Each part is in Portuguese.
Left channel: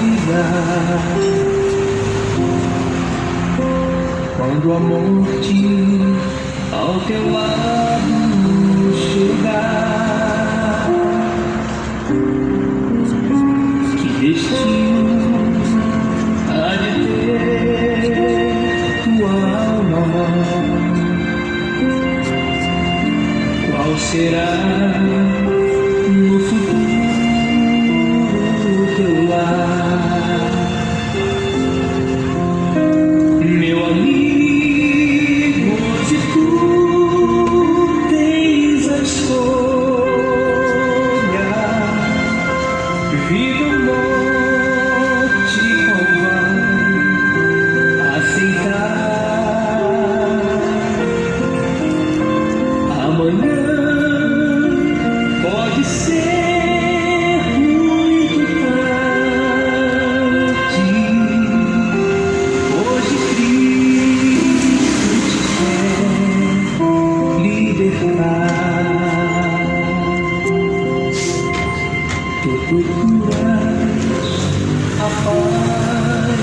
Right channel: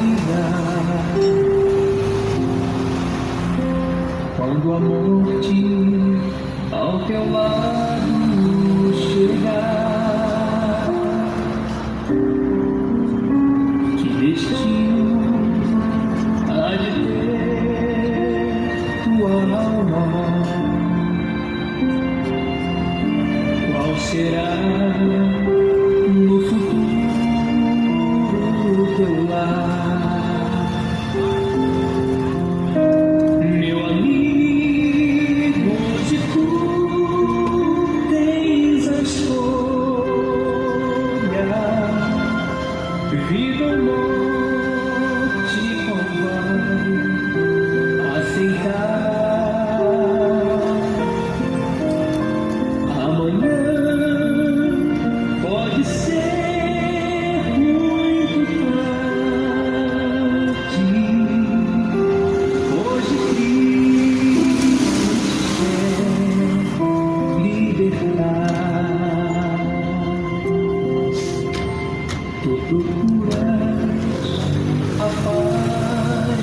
vida. Quando a morte ao teu lado chegar, que destino há de ter tua alma? Qual será no futuro teu lar? Meu amigo, se tu tens a escolha, vida ou morte, qual vai aceitar? Amanhã pode ser muito tarde. Hoje Cristo te quer libertar. Tu procuras a paz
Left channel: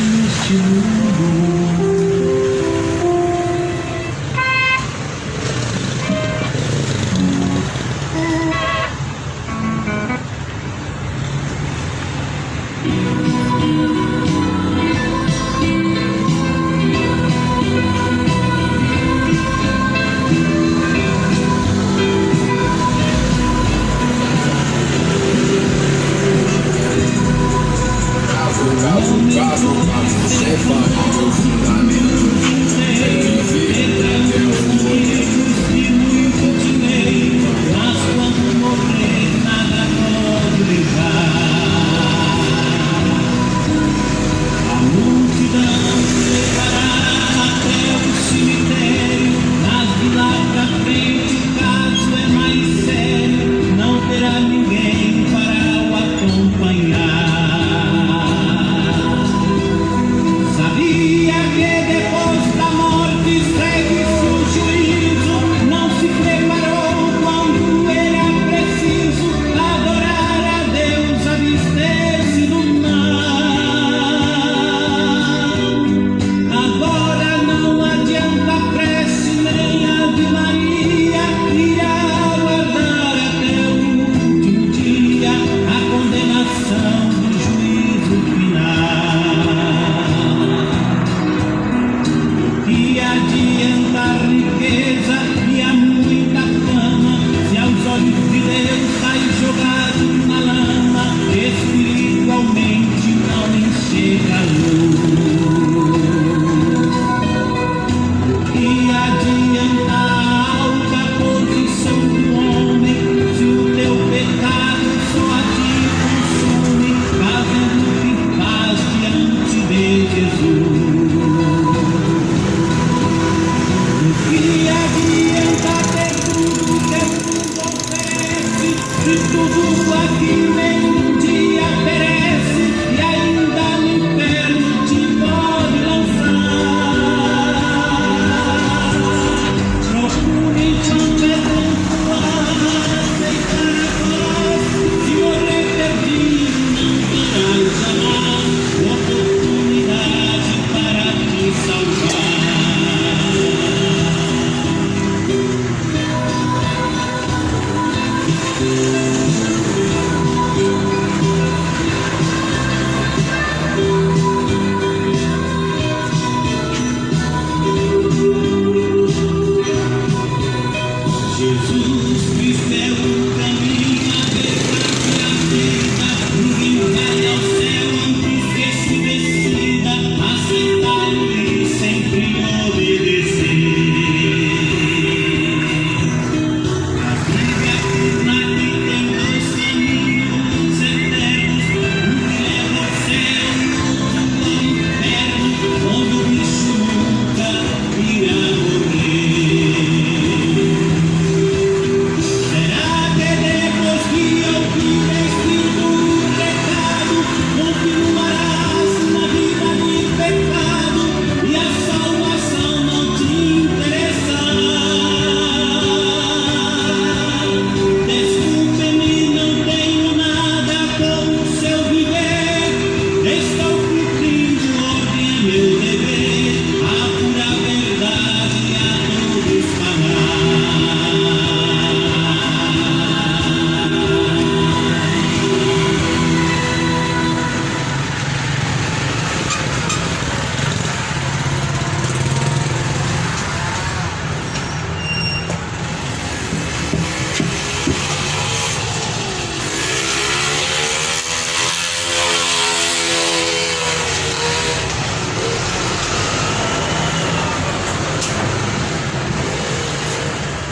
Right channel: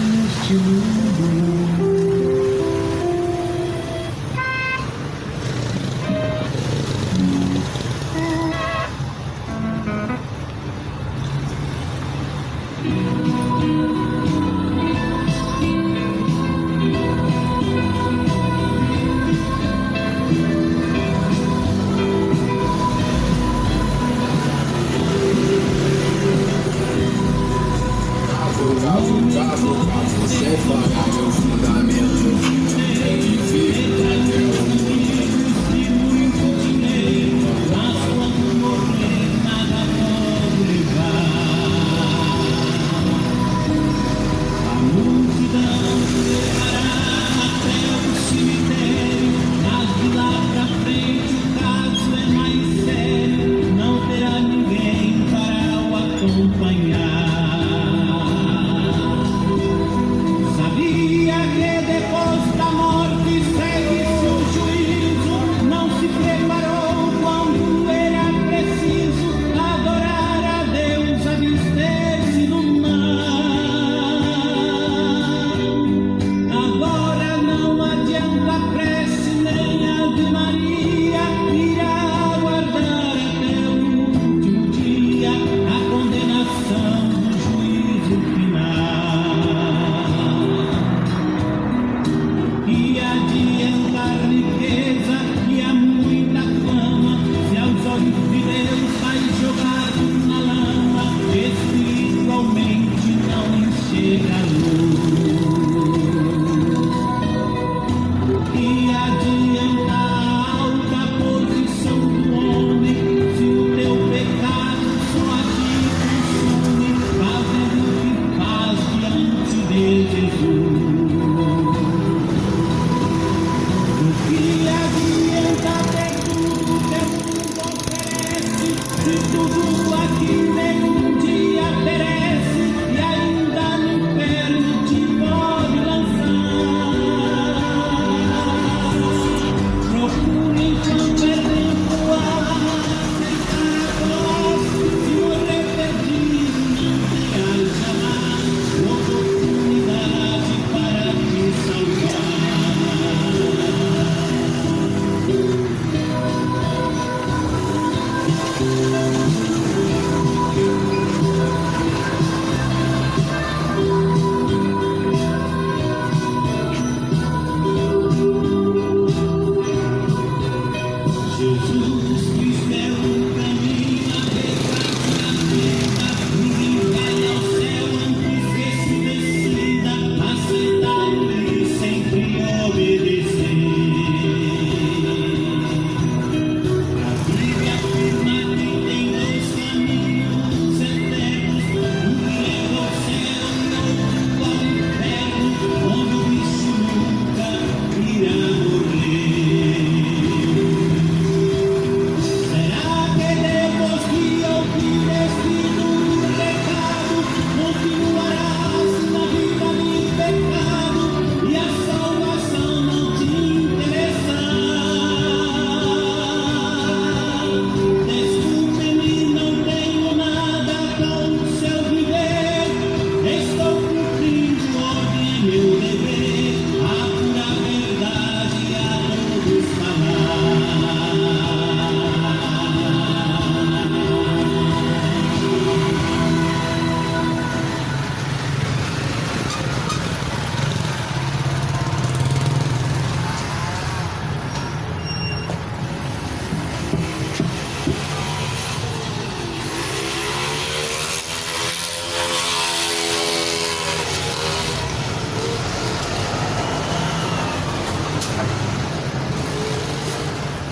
neste mundo. So far.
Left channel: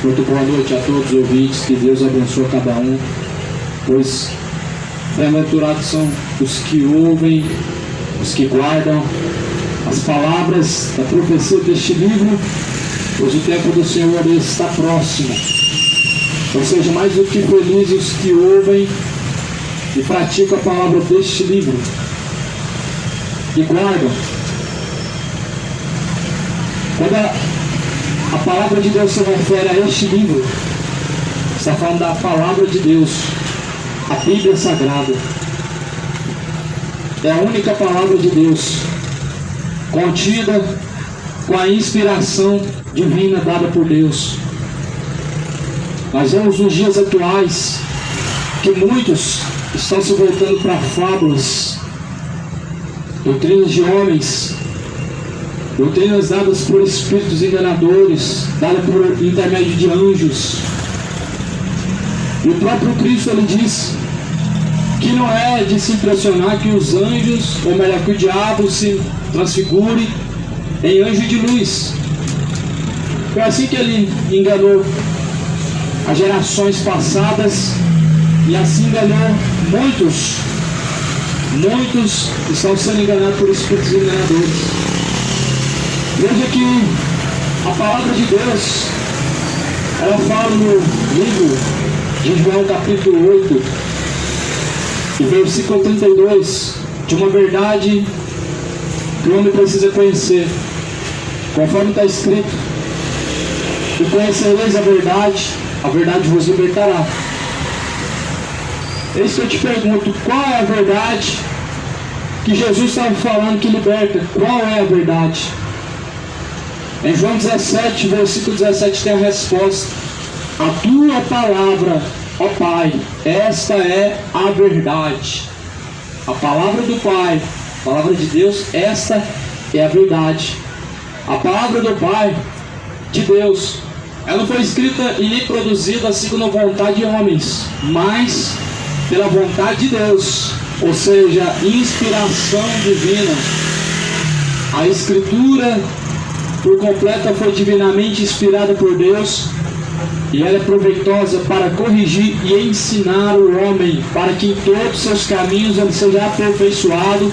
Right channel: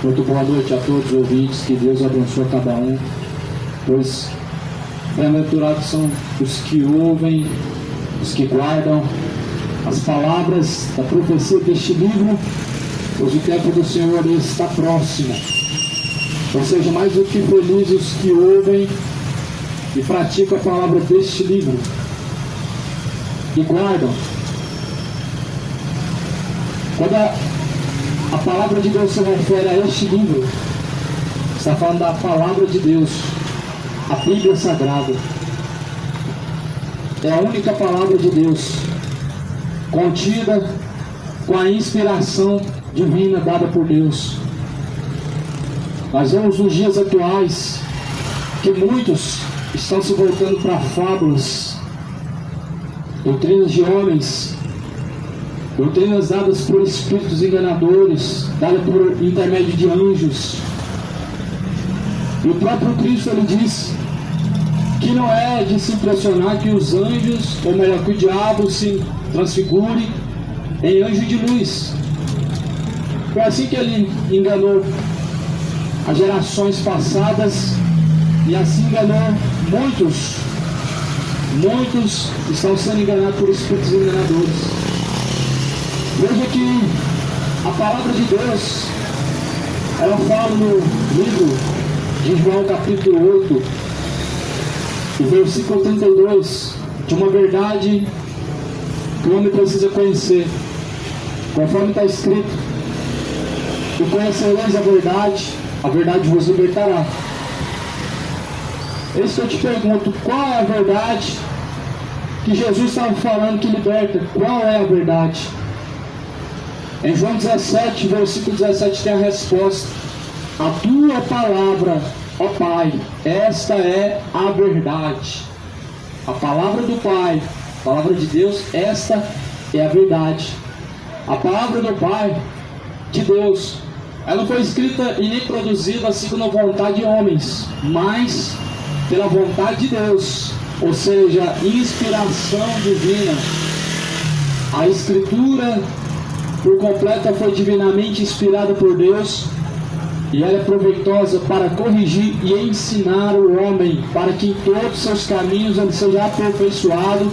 Muito boa noite a todos os ouvintes, que Deus abençoe cada um, pois bem-aventurados são os que ouvem, os que guardam as palavras da profecia deste livro, pois o tempo do Senhor está próximo. Ou seja, mais do que felizes os que ouvem e praticam a palavra deste livro e guardam. Quando a palavra de Deus se refere a este livro, está falando da palavra de Deus, a Bíblia Sagrada. É a única palavra de Deus contida com a inspiração divina dada por Deus. Nós vemos nos dias atuais que muitos estão se voltando para fábulas, doutrinas de homens, doutrinas dadas por espíritos enganadores, dadas por intermédio de anjos. E o próprio Cristo, ele diz que não é de se impressionar que os anjos, ou melhor, que o diabo se transfigure em anjo de luz. Foi assim que ele enganou as gerações passadas, e assim enganou muitos. Muitos estão sendo enganados por espíritos enganadores. Veja que a palavra de Deus, ela fala no livro de João capítulo 8 e versículo 32, de uma verdade que o homem precisa conhecer, conforme está escrito: e conhecereis a verdade vos libertará. Eis que eu te pergunto, qual é a verdade que Jesus estava falando que liberta? Qual é a verdade? Em João 17, versículo 17 tem a resposta: a tua palavra, ó Pai, esta é a verdade. A palavra do Pai, a palavra de Deus, esta é a verdade. A palavra do Pai, de Deus, ela não foi escrita e nem produzida segundo a vontade de homens, mas pela vontade de Deus, ou seja, inspiração divina. A Escritura por completa foi divinamente inspirada por Deus, e ela é proveitosa para corrigir e ensinar o homem, para que em todos os seus caminhos ele seja aperfeiçoado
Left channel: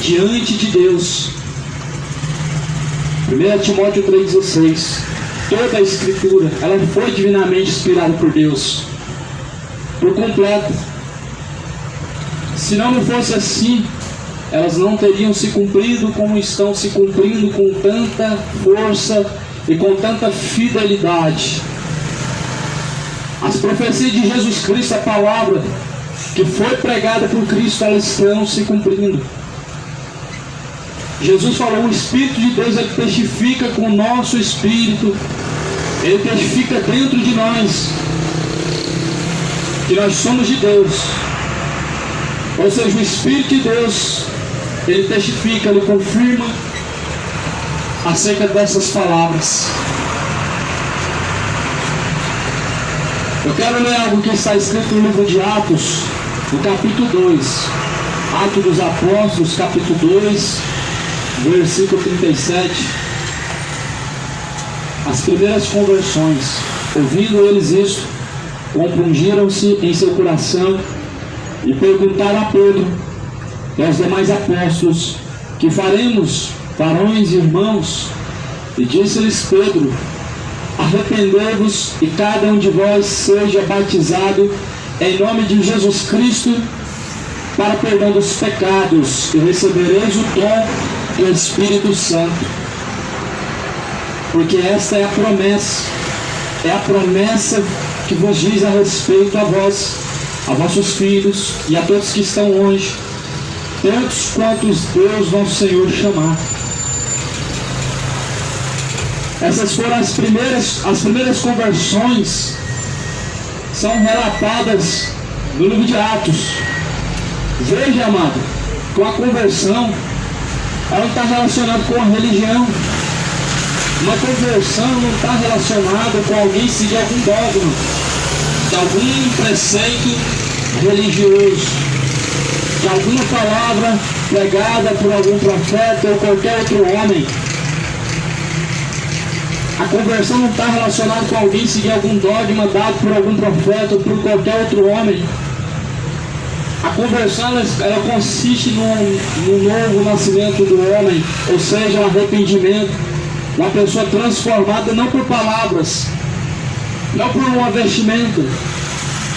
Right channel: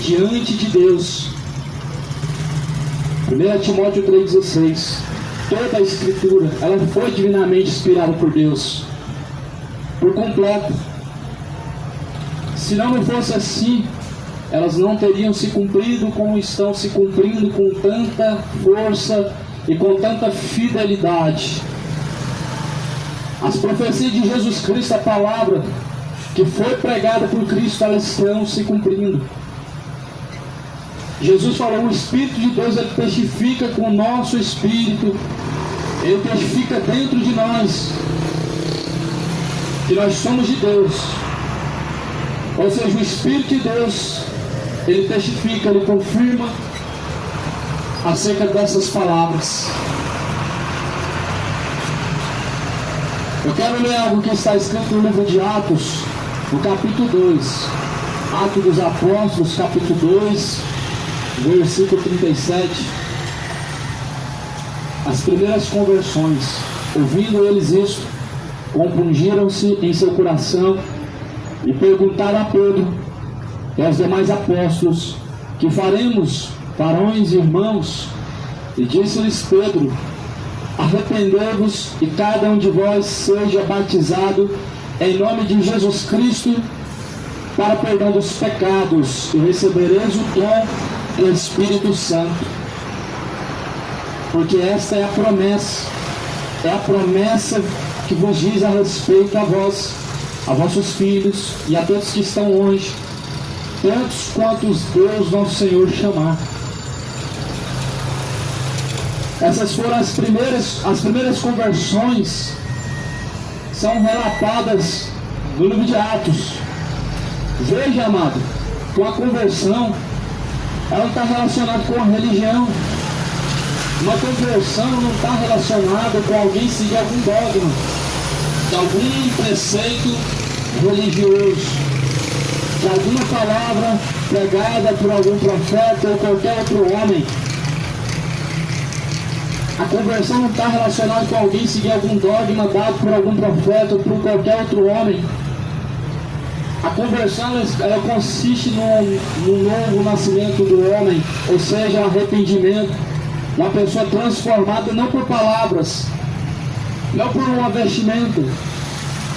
diante de Deus. 1 Timóteo 3,16. Toda a Escritura, ela foi divinamente inspirada por Deus, por completo. Se não fosse assim, elas não teriam se cumprido como estão se cumprindo, com tanta força e com tanta fidelidade. As profecias de Jesus Cristo, a palavra que foi pregada por Cristo, elas estão se cumprindo. Jesus falou: o Espírito de Deus, ele testifica com o nosso espírito, ele testifica dentro de nós que nós somos de Deus. Ou seja, o Espírito de Deus, ele testifica, ele confirma acerca dessas palavras. Eu quero ler algo que está escrito no livro de Atos, no capítulo 2. Atos dos Apóstolos, capítulo 2, versículo 37. As primeiras conversões. Ouvindo eles isso, compungiram-se em seu coração e perguntaram a Pedro e aos demais apóstolos: que faremos, varões e irmãos? E disse-lhes Pedro: arrependei-vos e cada um de vós seja batizado em nome de Jesus Cristo para perdão dos pecados, e recebereis o dom do Espírito Santo. Porque esta é a promessa que vos diz a respeito a vós, a vossos filhos e a todos que estão longe, tantos quantos Deus nosso Senhor chamar. Essas foram as primeiras conversões, são relatadas no livro de Atos. Veja, amado, que a conversão, ela não está relacionada com a religião. Uma conversão não está relacionada com alguém seguir algum dogma, de algum preceito religioso, de alguma palavra pregada por algum profeta ou qualquer outro homem. A conversão não está relacionada com alguém seguir algum dogma dado por algum profeta ou por qualquer outro homem. A conversão ela consiste no novo nascimento do homem, ou seja, o arrependimento. Uma pessoa transformada não por palavras, não por uma vestimenta,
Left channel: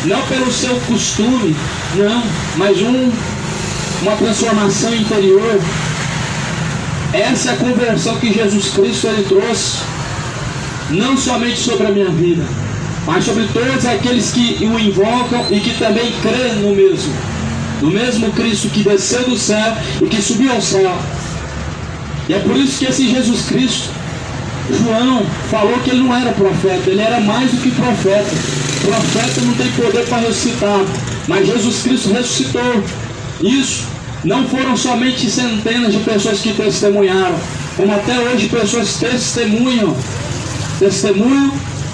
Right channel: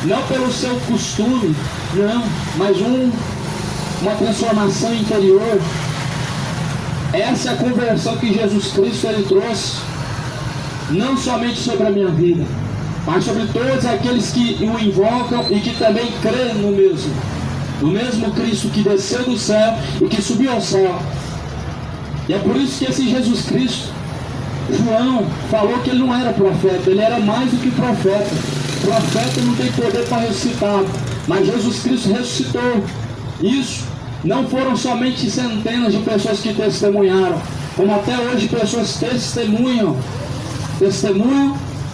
não pelo seu costume, não, mas uma transformação interior. Essa é a conversão que Jesus Cristo ele trouxe, não somente sobre a minha vida, mas sobre todos aqueles que o invocam e que também creem no mesmo Cristo que desceu do céu e que subiu ao céu. E é por isso que esse Jesus Cristo, João falou que ele não era profeta, ele era mais do que profeta. Profeta não tem poder para ressuscitar, mas Jesus Cristo ressuscitou. Isso não foram somente centenas de pessoas que testemunharam, como até hoje pessoas testemunham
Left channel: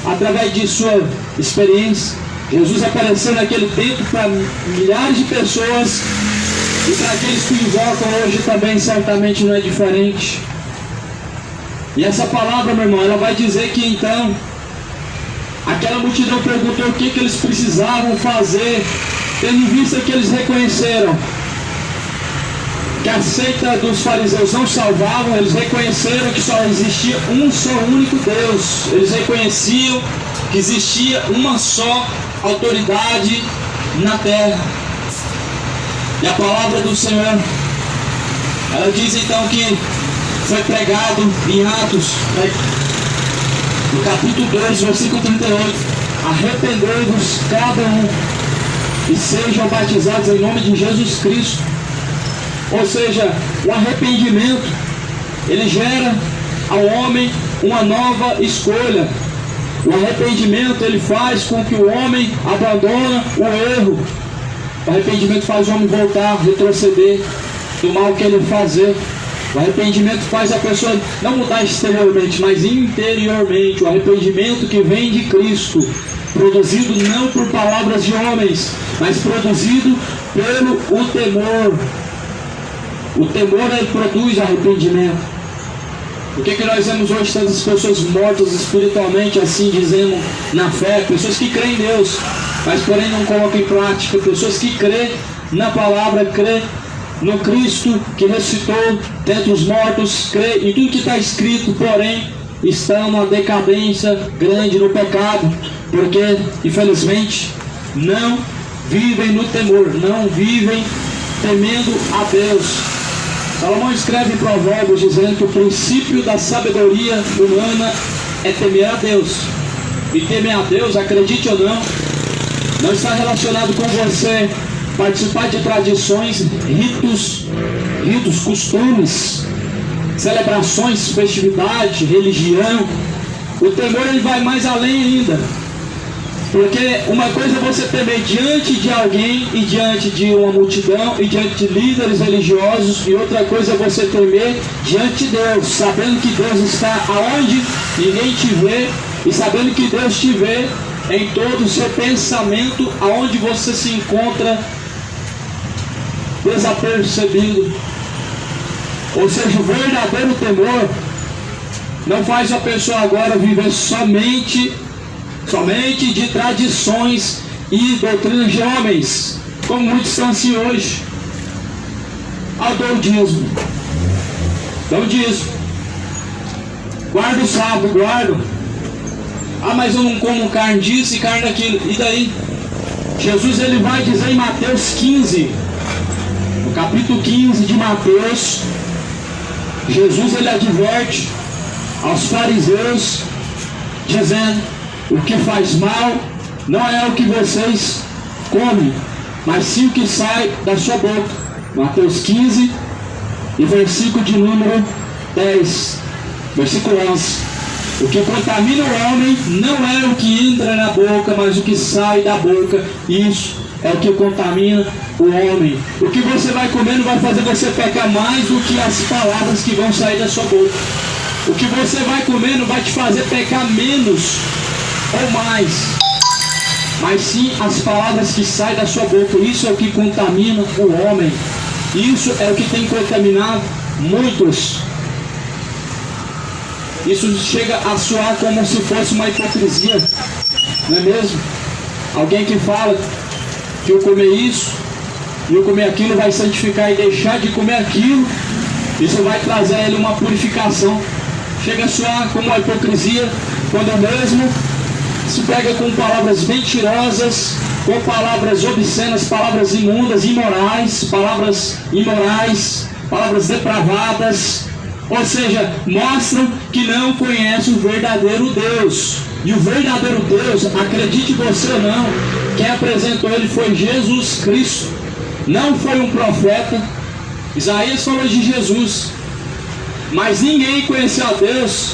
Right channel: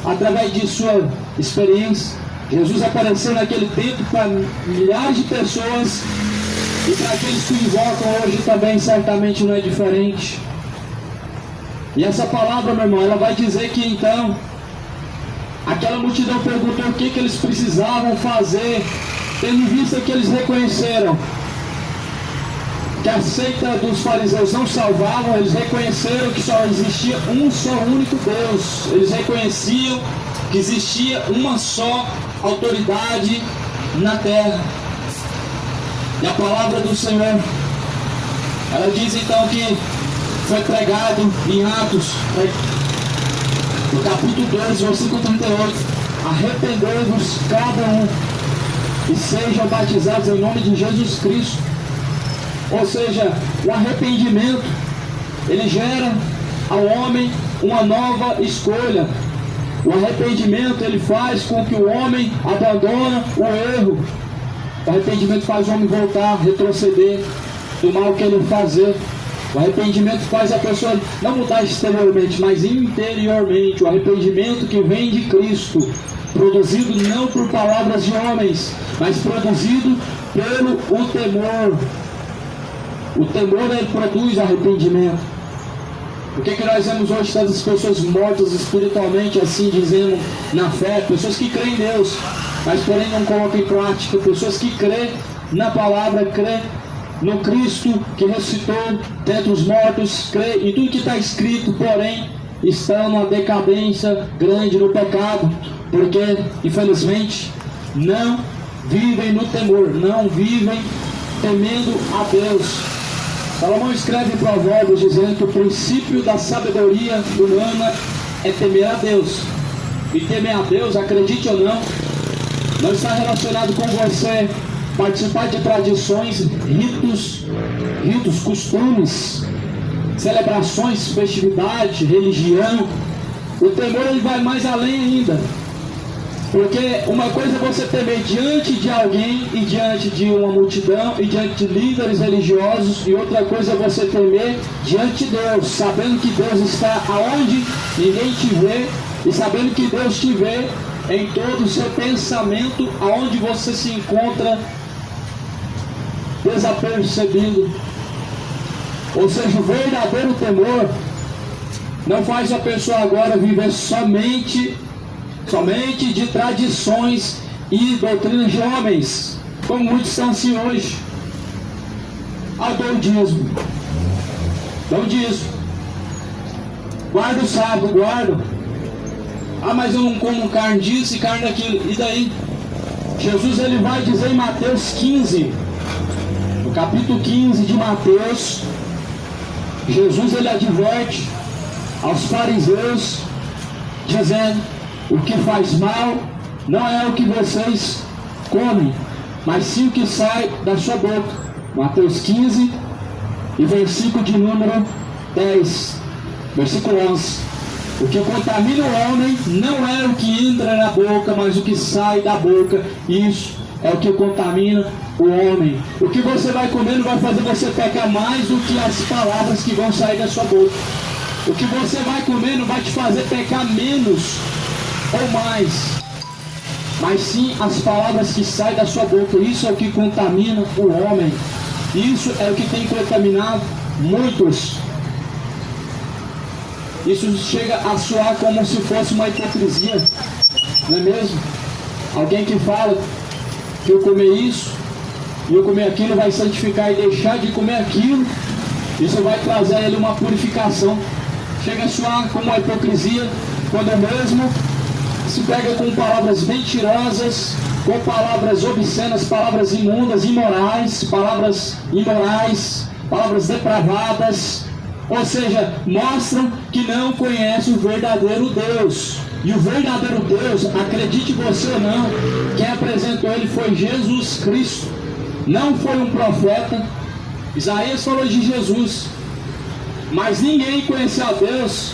através de sua experiência. Jesus apareceu naquele tempo para milhares de pessoas e para aqueles que o invocam hoje também certamente não é diferente. E essa palavra, meu irmão, ela vai dizer que então aquela multidão perguntou o que eles precisavam fazer, tendo em vista que eles reconheceram que a seita dos fariseus não salvavam. Eles reconheceram que só existia um só único Deus. Eles reconheciam que existia uma só autoridade na terra. E a palavra do Senhor, ela diz então que foi pregado em Atos, no capítulo 2, versículo 38, arrependei-vos cada um e sejam batizados em nome de Jesus Cristo. Ou seja, o arrependimento, ele gera ao homem uma nova escolha. O arrependimento, ele faz com que o homem abandone o erro. O arrependimento faz o homem voltar, retroceder do mal que ele fazer. O arrependimento faz a pessoa não mudar exteriormente, mas interiormente. O arrependimento que vem de Cristo, produzido não por palavras de homens, mas produzido pelo o temor. O temor, ele produz arrependimento. O que nós vemos hoje? Tantas pessoas mortas espiritualmente, assim dizendo, na fé. Pessoas que creem em Deus, mas porém não colocam em prática. Pessoas que creem na palavra, creem no Cristo que ressuscitou dentre os mortos, creem em tudo que está escrito, porém estão numa decadência grande no pecado, porque infelizmente não vivem no temor, não vivem temendo a Deus. Salomão escreve em Provérbios dizendo que o princípio da sabedoria humana é temer a Deus. E temer a Deus, acredite ou não está relacionado com você participar de tradições, ritos, costumes, celebrações, festividade, religião. O temor ele vai mais além ainda. Porque uma coisa é você temer diante de alguém e diante de uma multidão e diante de líderes religiosos, e outra coisa é você temer diante de Deus, sabendo que Deus está aonde ninguém te vê e sabendo que Deus te vê em todo o seu pensamento, aonde você se encontra desapercebido. Ou seja, o verdadeiro temor não faz a pessoa agora viver somente de tradições e doutrinas de homens, como muitos estão assim hoje. Eu dou o dízimo, guardo o sábado, guardo. Mas eu não como carne disso e carne daquilo. E daí? Jesus ele vai dizer em Mateus 15, no capítulo 15 de Mateus, Jesus ele adverte aos fariseus, dizendo: o que faz mal não é o que vocês comem, mas sim o que sai da sua boca. Mateus 15 e versículo de número 10, versículo 11. O que contamina o homem não é o que entra na boca, mas o que sai da boca. Isso é o que contamina o homem. O que você vai comer não vai fazer você pecar mais do que as palavras que vão sair da sua boca. O que você vai comer não vai te fazer pecar menos ou mais, mas sim as palavras que saem da sua boca. Isso é o que contamina o homem. Isso é o que tem contaminado muitos. Isso chega a soar como se fosse uma hipocrisia, não é mesmo? Alguém que fala que eu comer isso e eu comer aquilo vai santificar e deixar de comer aquilo, isso vai trazer a ele uma purificação. Chega a soar como uma hipocrisia, quando mesmo se pega com palavras mentirosas, com palavras obscenas, palavras imundas, imorais, palavras depravadas, ou seja, mostram que não conhecem o verdadeiro Deus. E o verdadeiro Deus, acredite você ou não, quem apresentou ele foi Jesus Cristo, não foi um profeta. Isaías falou de Jesus, mas ninguém conheceu a Deus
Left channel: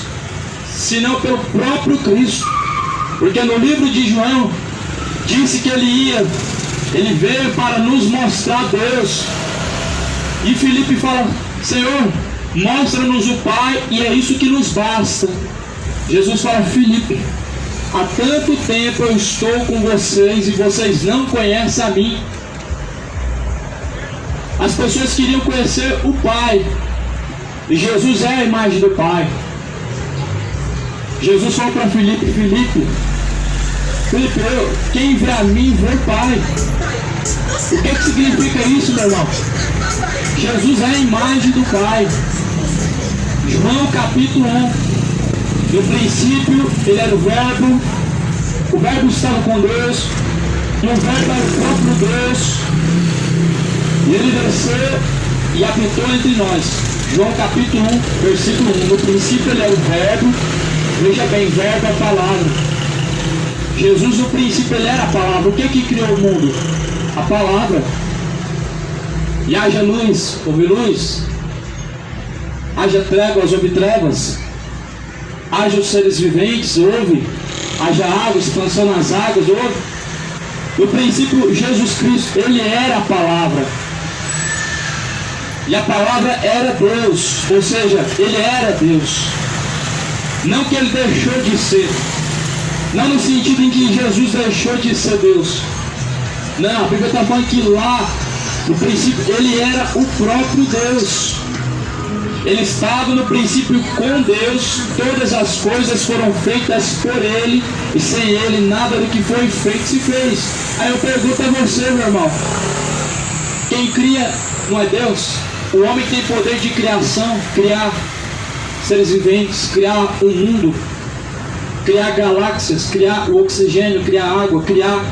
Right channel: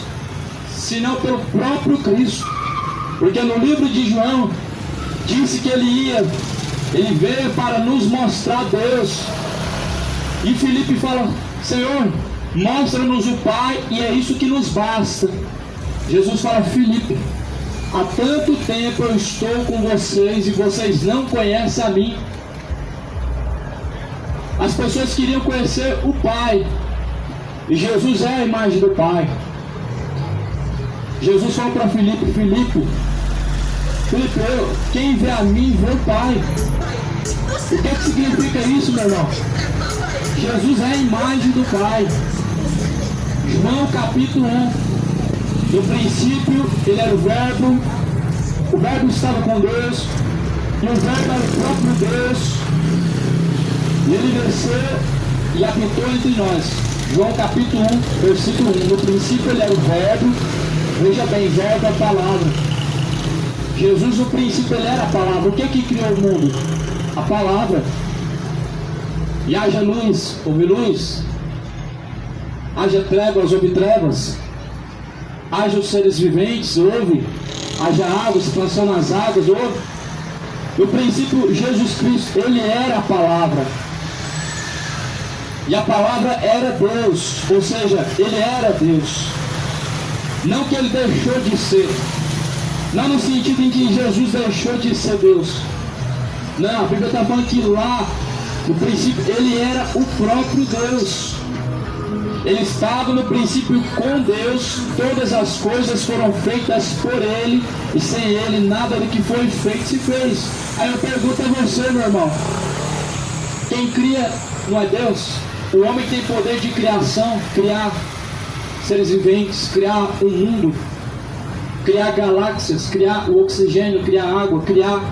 senão pelo próprio Cristo, porque no livro de João disse que ele veio para nos mostrar Deus. E Filipe fala: Senhor, mostra-nos o Pai e é isso que nos basta. Jesus fala: Filipe, há tanto tempo eu estou com vocês e vocês não conhecem a mim. As pessoas queriam conhecer o Pai, e Jesus é a imagem do Pai. Jesus falou para Filipe: Filipe, quem vê a mim vê o Pai. O que significa isso, meu irmão? Jesus é a imagem do Pai. João capítulo 1. No princípio ele era o Verbo estava com Deus, e o Verbo era o próprio Deus, e ele desceu e habitou entre nós. João capítulo 1, versículo 1. No princípio ele era o Verbo, veja bem, Verbo é a palavra. Jesus no princípio ele era a palavra. O que criou o mundo? A palavra. E haja luz, houve luz. Haja trevas, houve trevas. Haja os seres viventes, houve. Haja água, expansão nas águas, houve. No princípio, Jesus Cristo, ele era a palavra. E a palavra era Deus, ou seja, ele era Deus. Não que ele deixou de ser. Não no sentido em que Jesus deixou de ser Deus. Não, a Bíblia está falando que lá, no princípio, ele era o próprio Deus. Ele estava no princípio com Deus, todas as coisas foram feitas por ele, e sem ele nada do que foi feito se fez. Aí eu pergunto a você, meu irmão, quem cria não é Deus? O homem tem poder de criação, criar seres viventes, criar um mundo, criar galáxias, criar o oxigênio, criar água, criar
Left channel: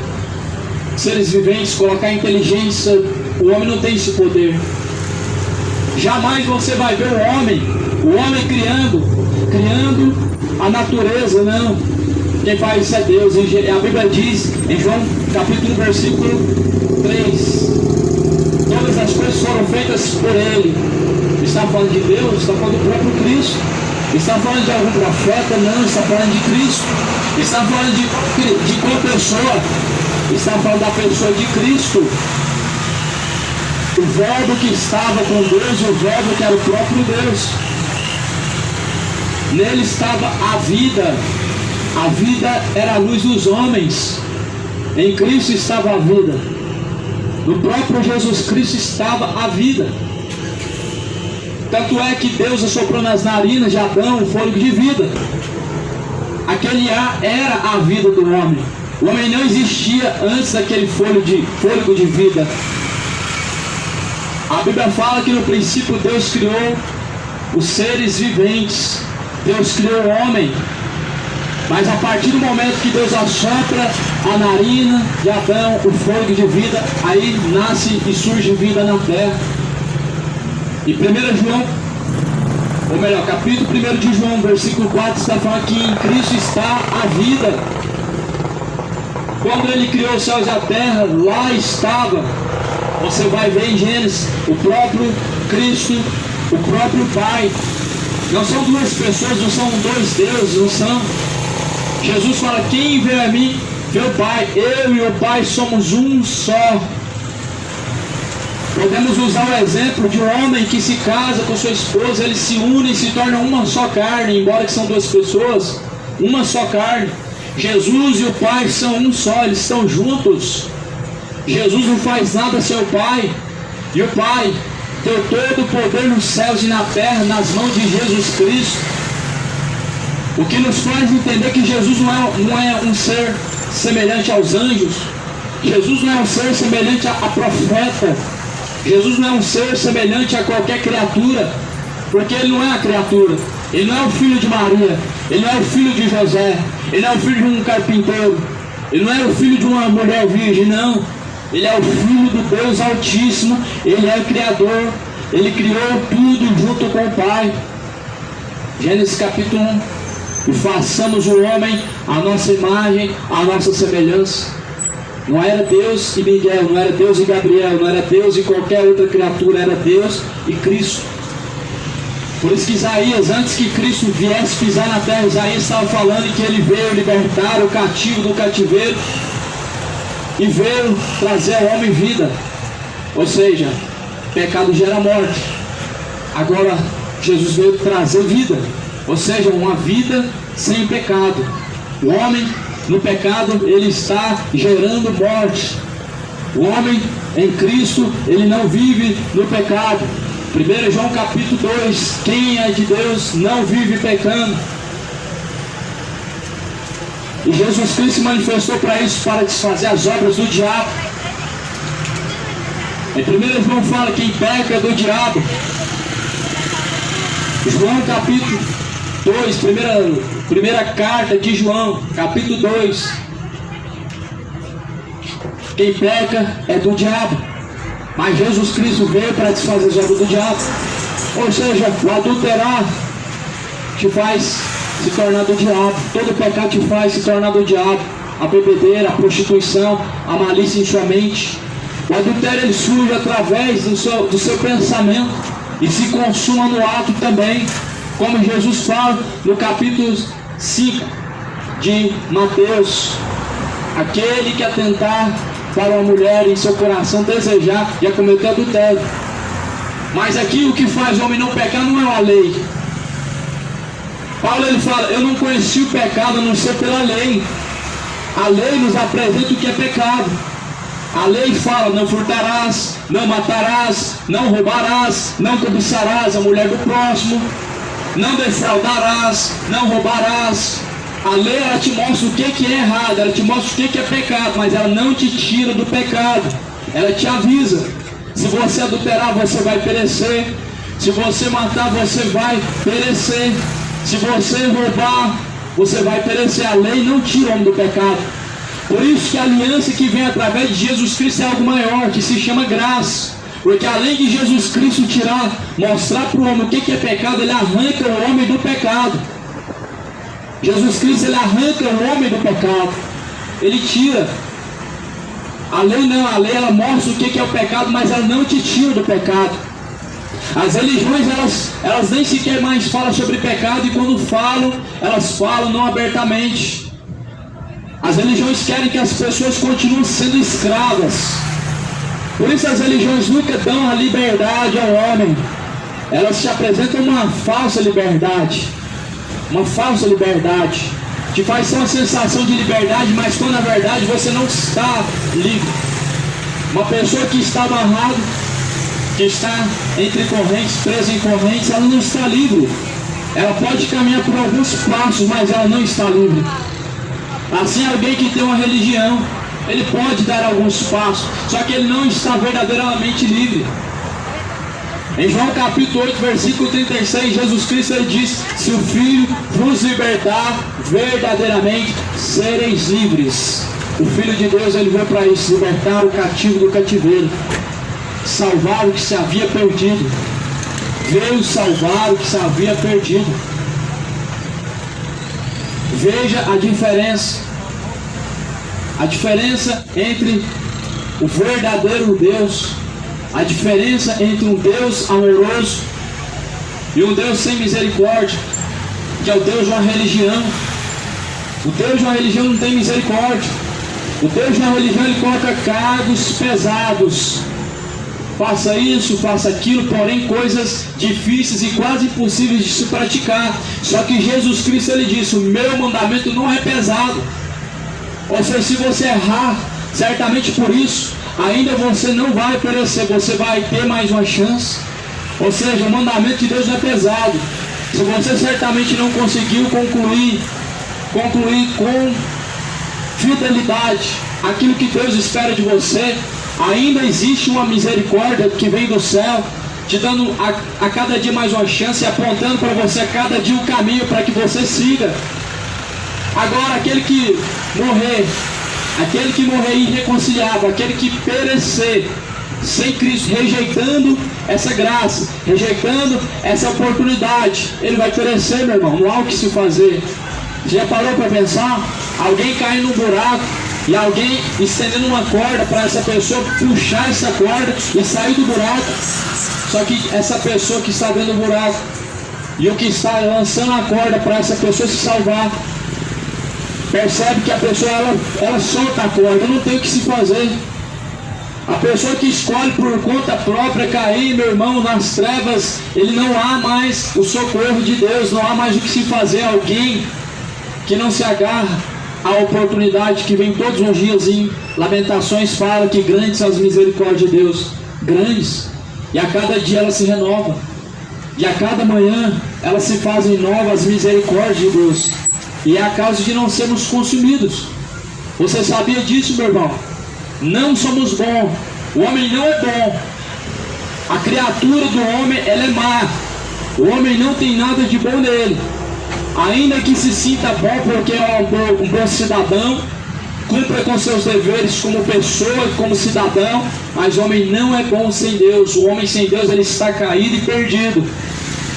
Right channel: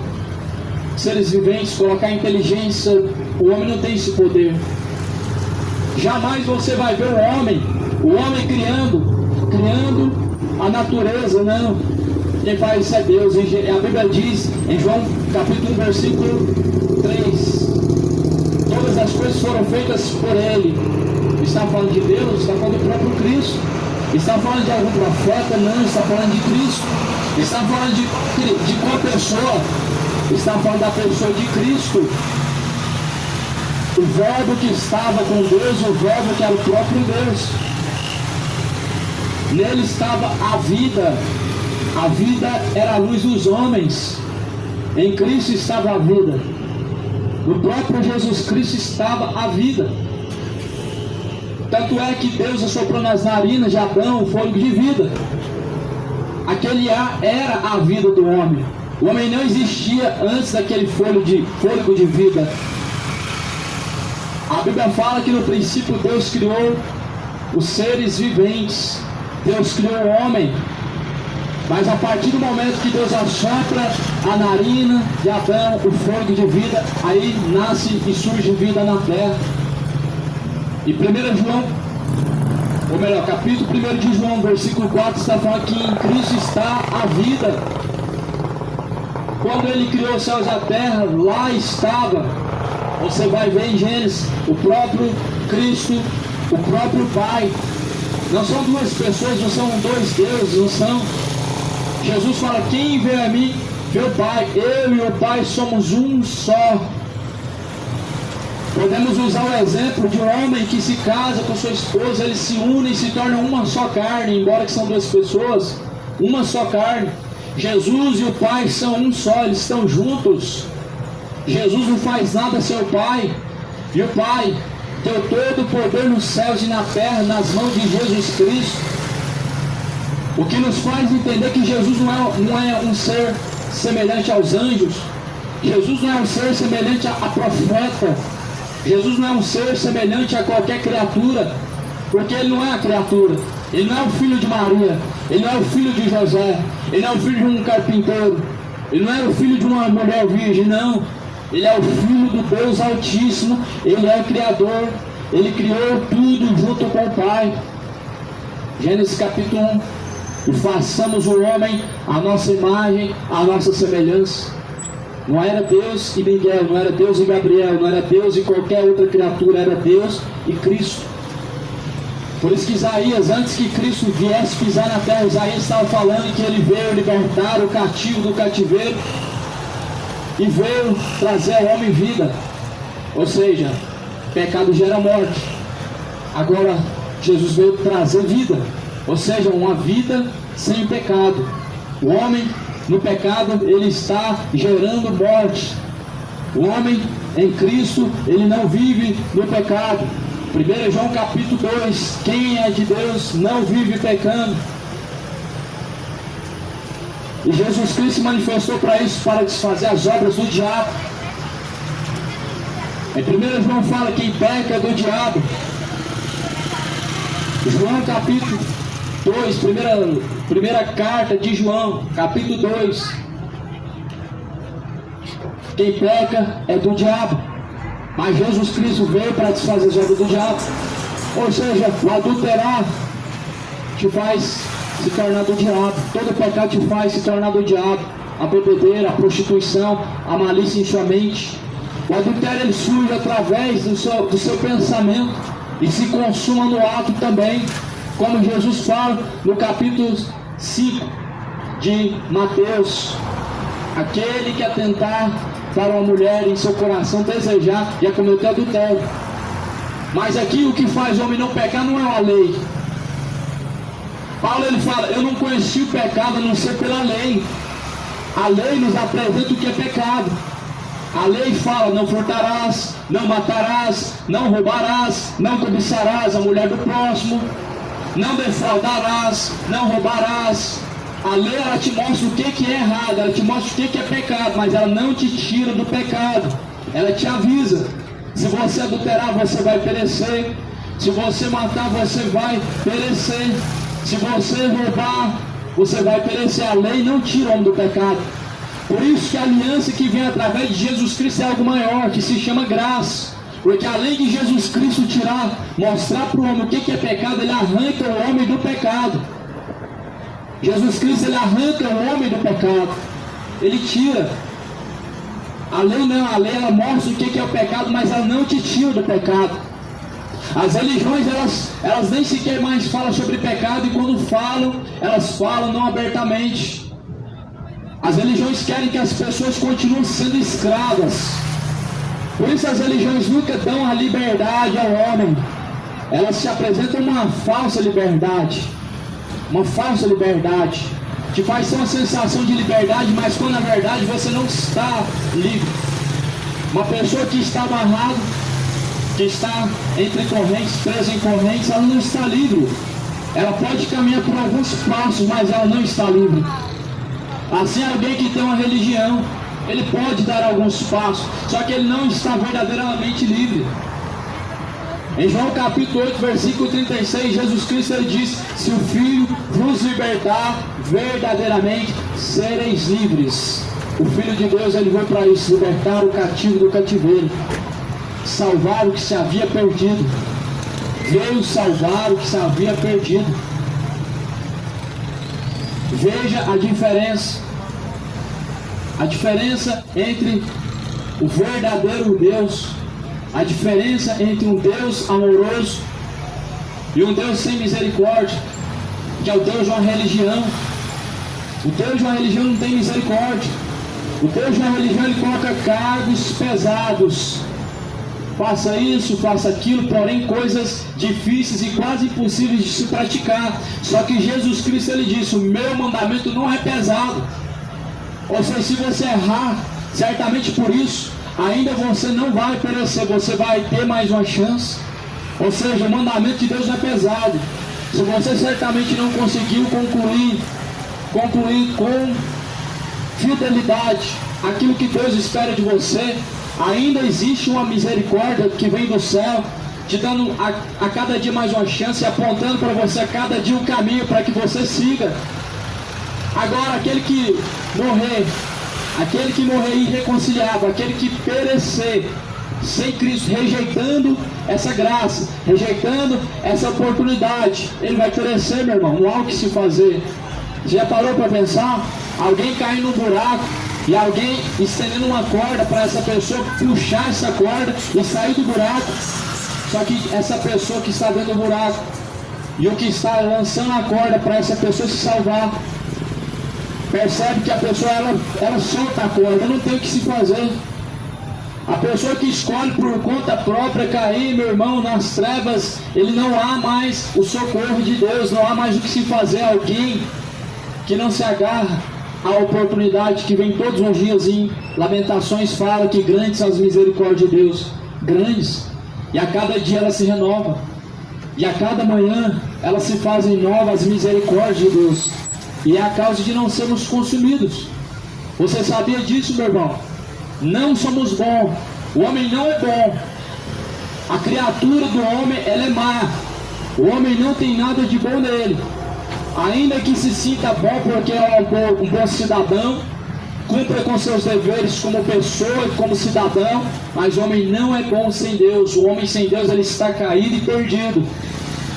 seres viventes, colocar inteligência. O homem não tem esse poder. Jamais você vai ver o homem criando a natureza, não. Quem faz isso é Deus. A Bíblia diz em João capítulo 1, versículo 3, todas as coisas foram feitas por ele. Está falando de Deus? Está falando do próprio Cristo. Está falando de algum profeta? Não, está falando de Cristo. Está falando de qual pessoa? Está falando da pessoa de Cristo. O Verbo que estava com Deus, o Verbo que era o próprio Deus. Nele estava a vida. A vida era a luz dos homens. Em Cristo estava a vida. No próprio Jesus Cristo estava a vida. Tanto é que Deus assoprou nas narinas de Adão o fôlego de vida. Aquele ar era a vida do homem. O homem não existia antes daquele fôlego de vida. A Bíblia fala que no princípio Deus criou os seres viventes. Deus criou o homem. Mas a partir do momento que Deus assopra a narina de Adão, o fôlego de vida, aí nasce e surge vida na terra. E 1 João, ou melhor, capítulo 1 de João, versículo 4, está falando que em Cristo está a vida. Quando ele criou os céus e a terra, lá estava. Você vai ver em Gênesis, o próprio Cristo, o próprio Pai. Não são duas pessoas, não são dois deuses, não são. Jesus fala: quem vê a mim, vê o Pai. Eu e o Pai somos um só. Podemos usar o exemplo de um homem que se casa com sua esposa, eles se unem e se tornam uma só carne, embora que são duas pessoas, uma só carne. Jesus e o Pai são um só, eles estão juntos. Jesus não faz nada sem o Pai, e o Pai deu todo o poder nos céus e na terra nas mãos de Jesus Cristo. O que nos faz entender que Jesus não é um ser semelhante aos anjos. Jesus não é um ser semelhante a profeta. Jesus não é um ser semelhante a qualquer criatura, porque Ele não é a criatura. Ele não é o filho de Maria. Ele não é o filho de José. Ele não é o filho de um carpinteiro. Ele não é o filho de uma mulher virgem, não. Ele é o filho do Deus Altíssimo. Ele é o Criador. Ele criou tudo junto com o Pai. Gênesis capítulo 1. E façamos o homem à nossa imagem, à nossa semelhança. Não era Deus e Miguel, não era Deus e Gabriel, não era Deus e qualquer outra criatura, era Deus e Cristo. Por isso que Isaías, antes que Cristo viesse pisar na terra, Isaías estava falando que ele veio libertar o cativo do cativeiro e veio trazer ao homem vida. Ou seja, pecado gera morte. Agora, Jesus veio trazer vida. Ou seja, uma vida sem pecado. O homem no pecado, ele está gerando morte. O homem em Cristo, ele não vive no pecado. 1 João capítulo 2, quem é de Deus não vive pecando. E Jesus Cristo se manifestou para isso, para desfazer as obras do diabo. Em 1 João fala, quem peca é do diabo. João capítulo 2, primeira carta de João, capítulo 2. Quem peca é do diabo. Mas Jesus Cristo veio para desfazer as obras do diabo. Ou seja, o adulterar te faz se tornar do diabo. Todo pecado te faz se tornar do diabo. A bebedeira, a prostituição, a malícia em sua mente. O adultério ele surge através do seu pensamento e se consuma no ato também. Como Jesus fala no capítulo 5 de Mateus. Aquele que atentar para uma mulher em seu coração desejar, já cometeu adultério. Mas aqui o que faz o homem não pecar não é a lei. Paulo ele fala, eu não conheci o pecado a não ser pela lei. A lei nos apresenta o que é pecado. A lei fala, não furtarás, não matarás, não roubarás, não cobiçarás a mulher do próximo, não defraudarás, não roubarás. A lei ela te mostra o que é errado, ela te mostra o que é pecado, mas ela não te tira do pecado, ela te avisa. Se você adulterar, você vai perecer. Se você matar, você vai perecer. Se você roubar, você vai perecer. A lei não tira o homem do pecado. Por isso que a aliança que vem através de Jesus Cristo é algo maior, que se chama graça. Porque além de Jesus Cristo mostrar para o homem o que é pecado, ele arranca o homem do pecado. Jesus Cristo ele arranca o homem do pecado. Ele tira. A lei não, a lei ela mostra o que é o pecado, mas ela não te tira do pecado. As religiões elas nem sequer mais falam sobre pecado, e quando falam, elas falam não abertamente. As religiões querem que as pessoas continuem sendo escravas. Por isso as religiões nunca dão a liberdade ao homem. Elas te apresentam uma falsa liberdade. Uma falsa liberdade. Te faz ter uma sensação de liberdade, mas quando na verdade você não está livre. Uma pessoa que está amarrada, que está entre correntes, presa em correntes, ela não está livre. Ela pode caminhar por alguns passos, mas ela não está livre. Assim, alguém que tem uma religião, ele pode dar alguns passos, só que ele não está verdadeiramente livre. Em João capítulo 8, versículo 36, Jesus Cristo ele diz, se o Filho vos libertar, verdadeiramente sereis livres. O Filho de Deus ele veio para isso, libertar o cativo do cativeiro, salvar o que se havia perdido. Veio salvar o que se havia perdido. Veja a diferença. A diferença entre o verdadeiro Deus, a diferença entre um Deus amoroso e um Deus sem misericórdia, que é o Deus de uma religião. O Deus de uma religião não tem misericórdia. O Deus de uma religião ele coloca cargos pesados. Faça isso, faça aquilo, porém coisas difíceis e quase impossíveis de se praticar. Só que Jesus Cristo ele disse, o meu mandamento não é pesado. Ou seja, se você errar, certamente por isso, ainda você não vai perecer, você vai ter mais uma chance. Ou seja, o mandamento de Deus não é pesado. Se você certamente não conseguiu concluir com fidelidade aquilo que Deus espera de você, ainda existe uma misericórdia que vem do céu, te dando a cada dia mais uma chance, apontando para você a cada dia o caminho para que você siga. Agora, aquele que morrer irreconciliável, aquele que perecer sem Cristo, rejeitando essa graça, rejeitando essa oportunidade, ele vai perecer, meu irmão. Não há o que se fazer. Já parou para pensar? Alguém cair num buraco e alguém estendendo uma corda para essa pessoa puxar essa corda e sair do buraco. Só que essa pessoa que está dentro do buraco e o que está lançando a corda para essa pessoa se salvar, percebe que a pessoa ela solta a corda, não tem o que se fazer. A pessoa que escolhe por conta própria cair, meu irmão, nas trevas, ele não há mais o socorro de Deus, não há mais o que se fazer. Alguém que não se agarra à oportunidade que vem todos os dias em Lamentações fala que grandes são as misericórdias de Deus, grandes, e a cada dia ela se renova, e a cada manhã elas se fazem novas, as misericórdias de Deus, e é a causa de não sermos consumidos. Você sabia disso, meu irmão? Não somos bons, o homem não é bom, a criatura do homem ela é má, o homem não tem nada de bom nele, ainda que se sinta bom porque é um bom cidadão, cumpra com seus deveres como pessoa e como cidadão, mas o homem não é bom sem Deus. O homem sem Deus ele está caído e perdido.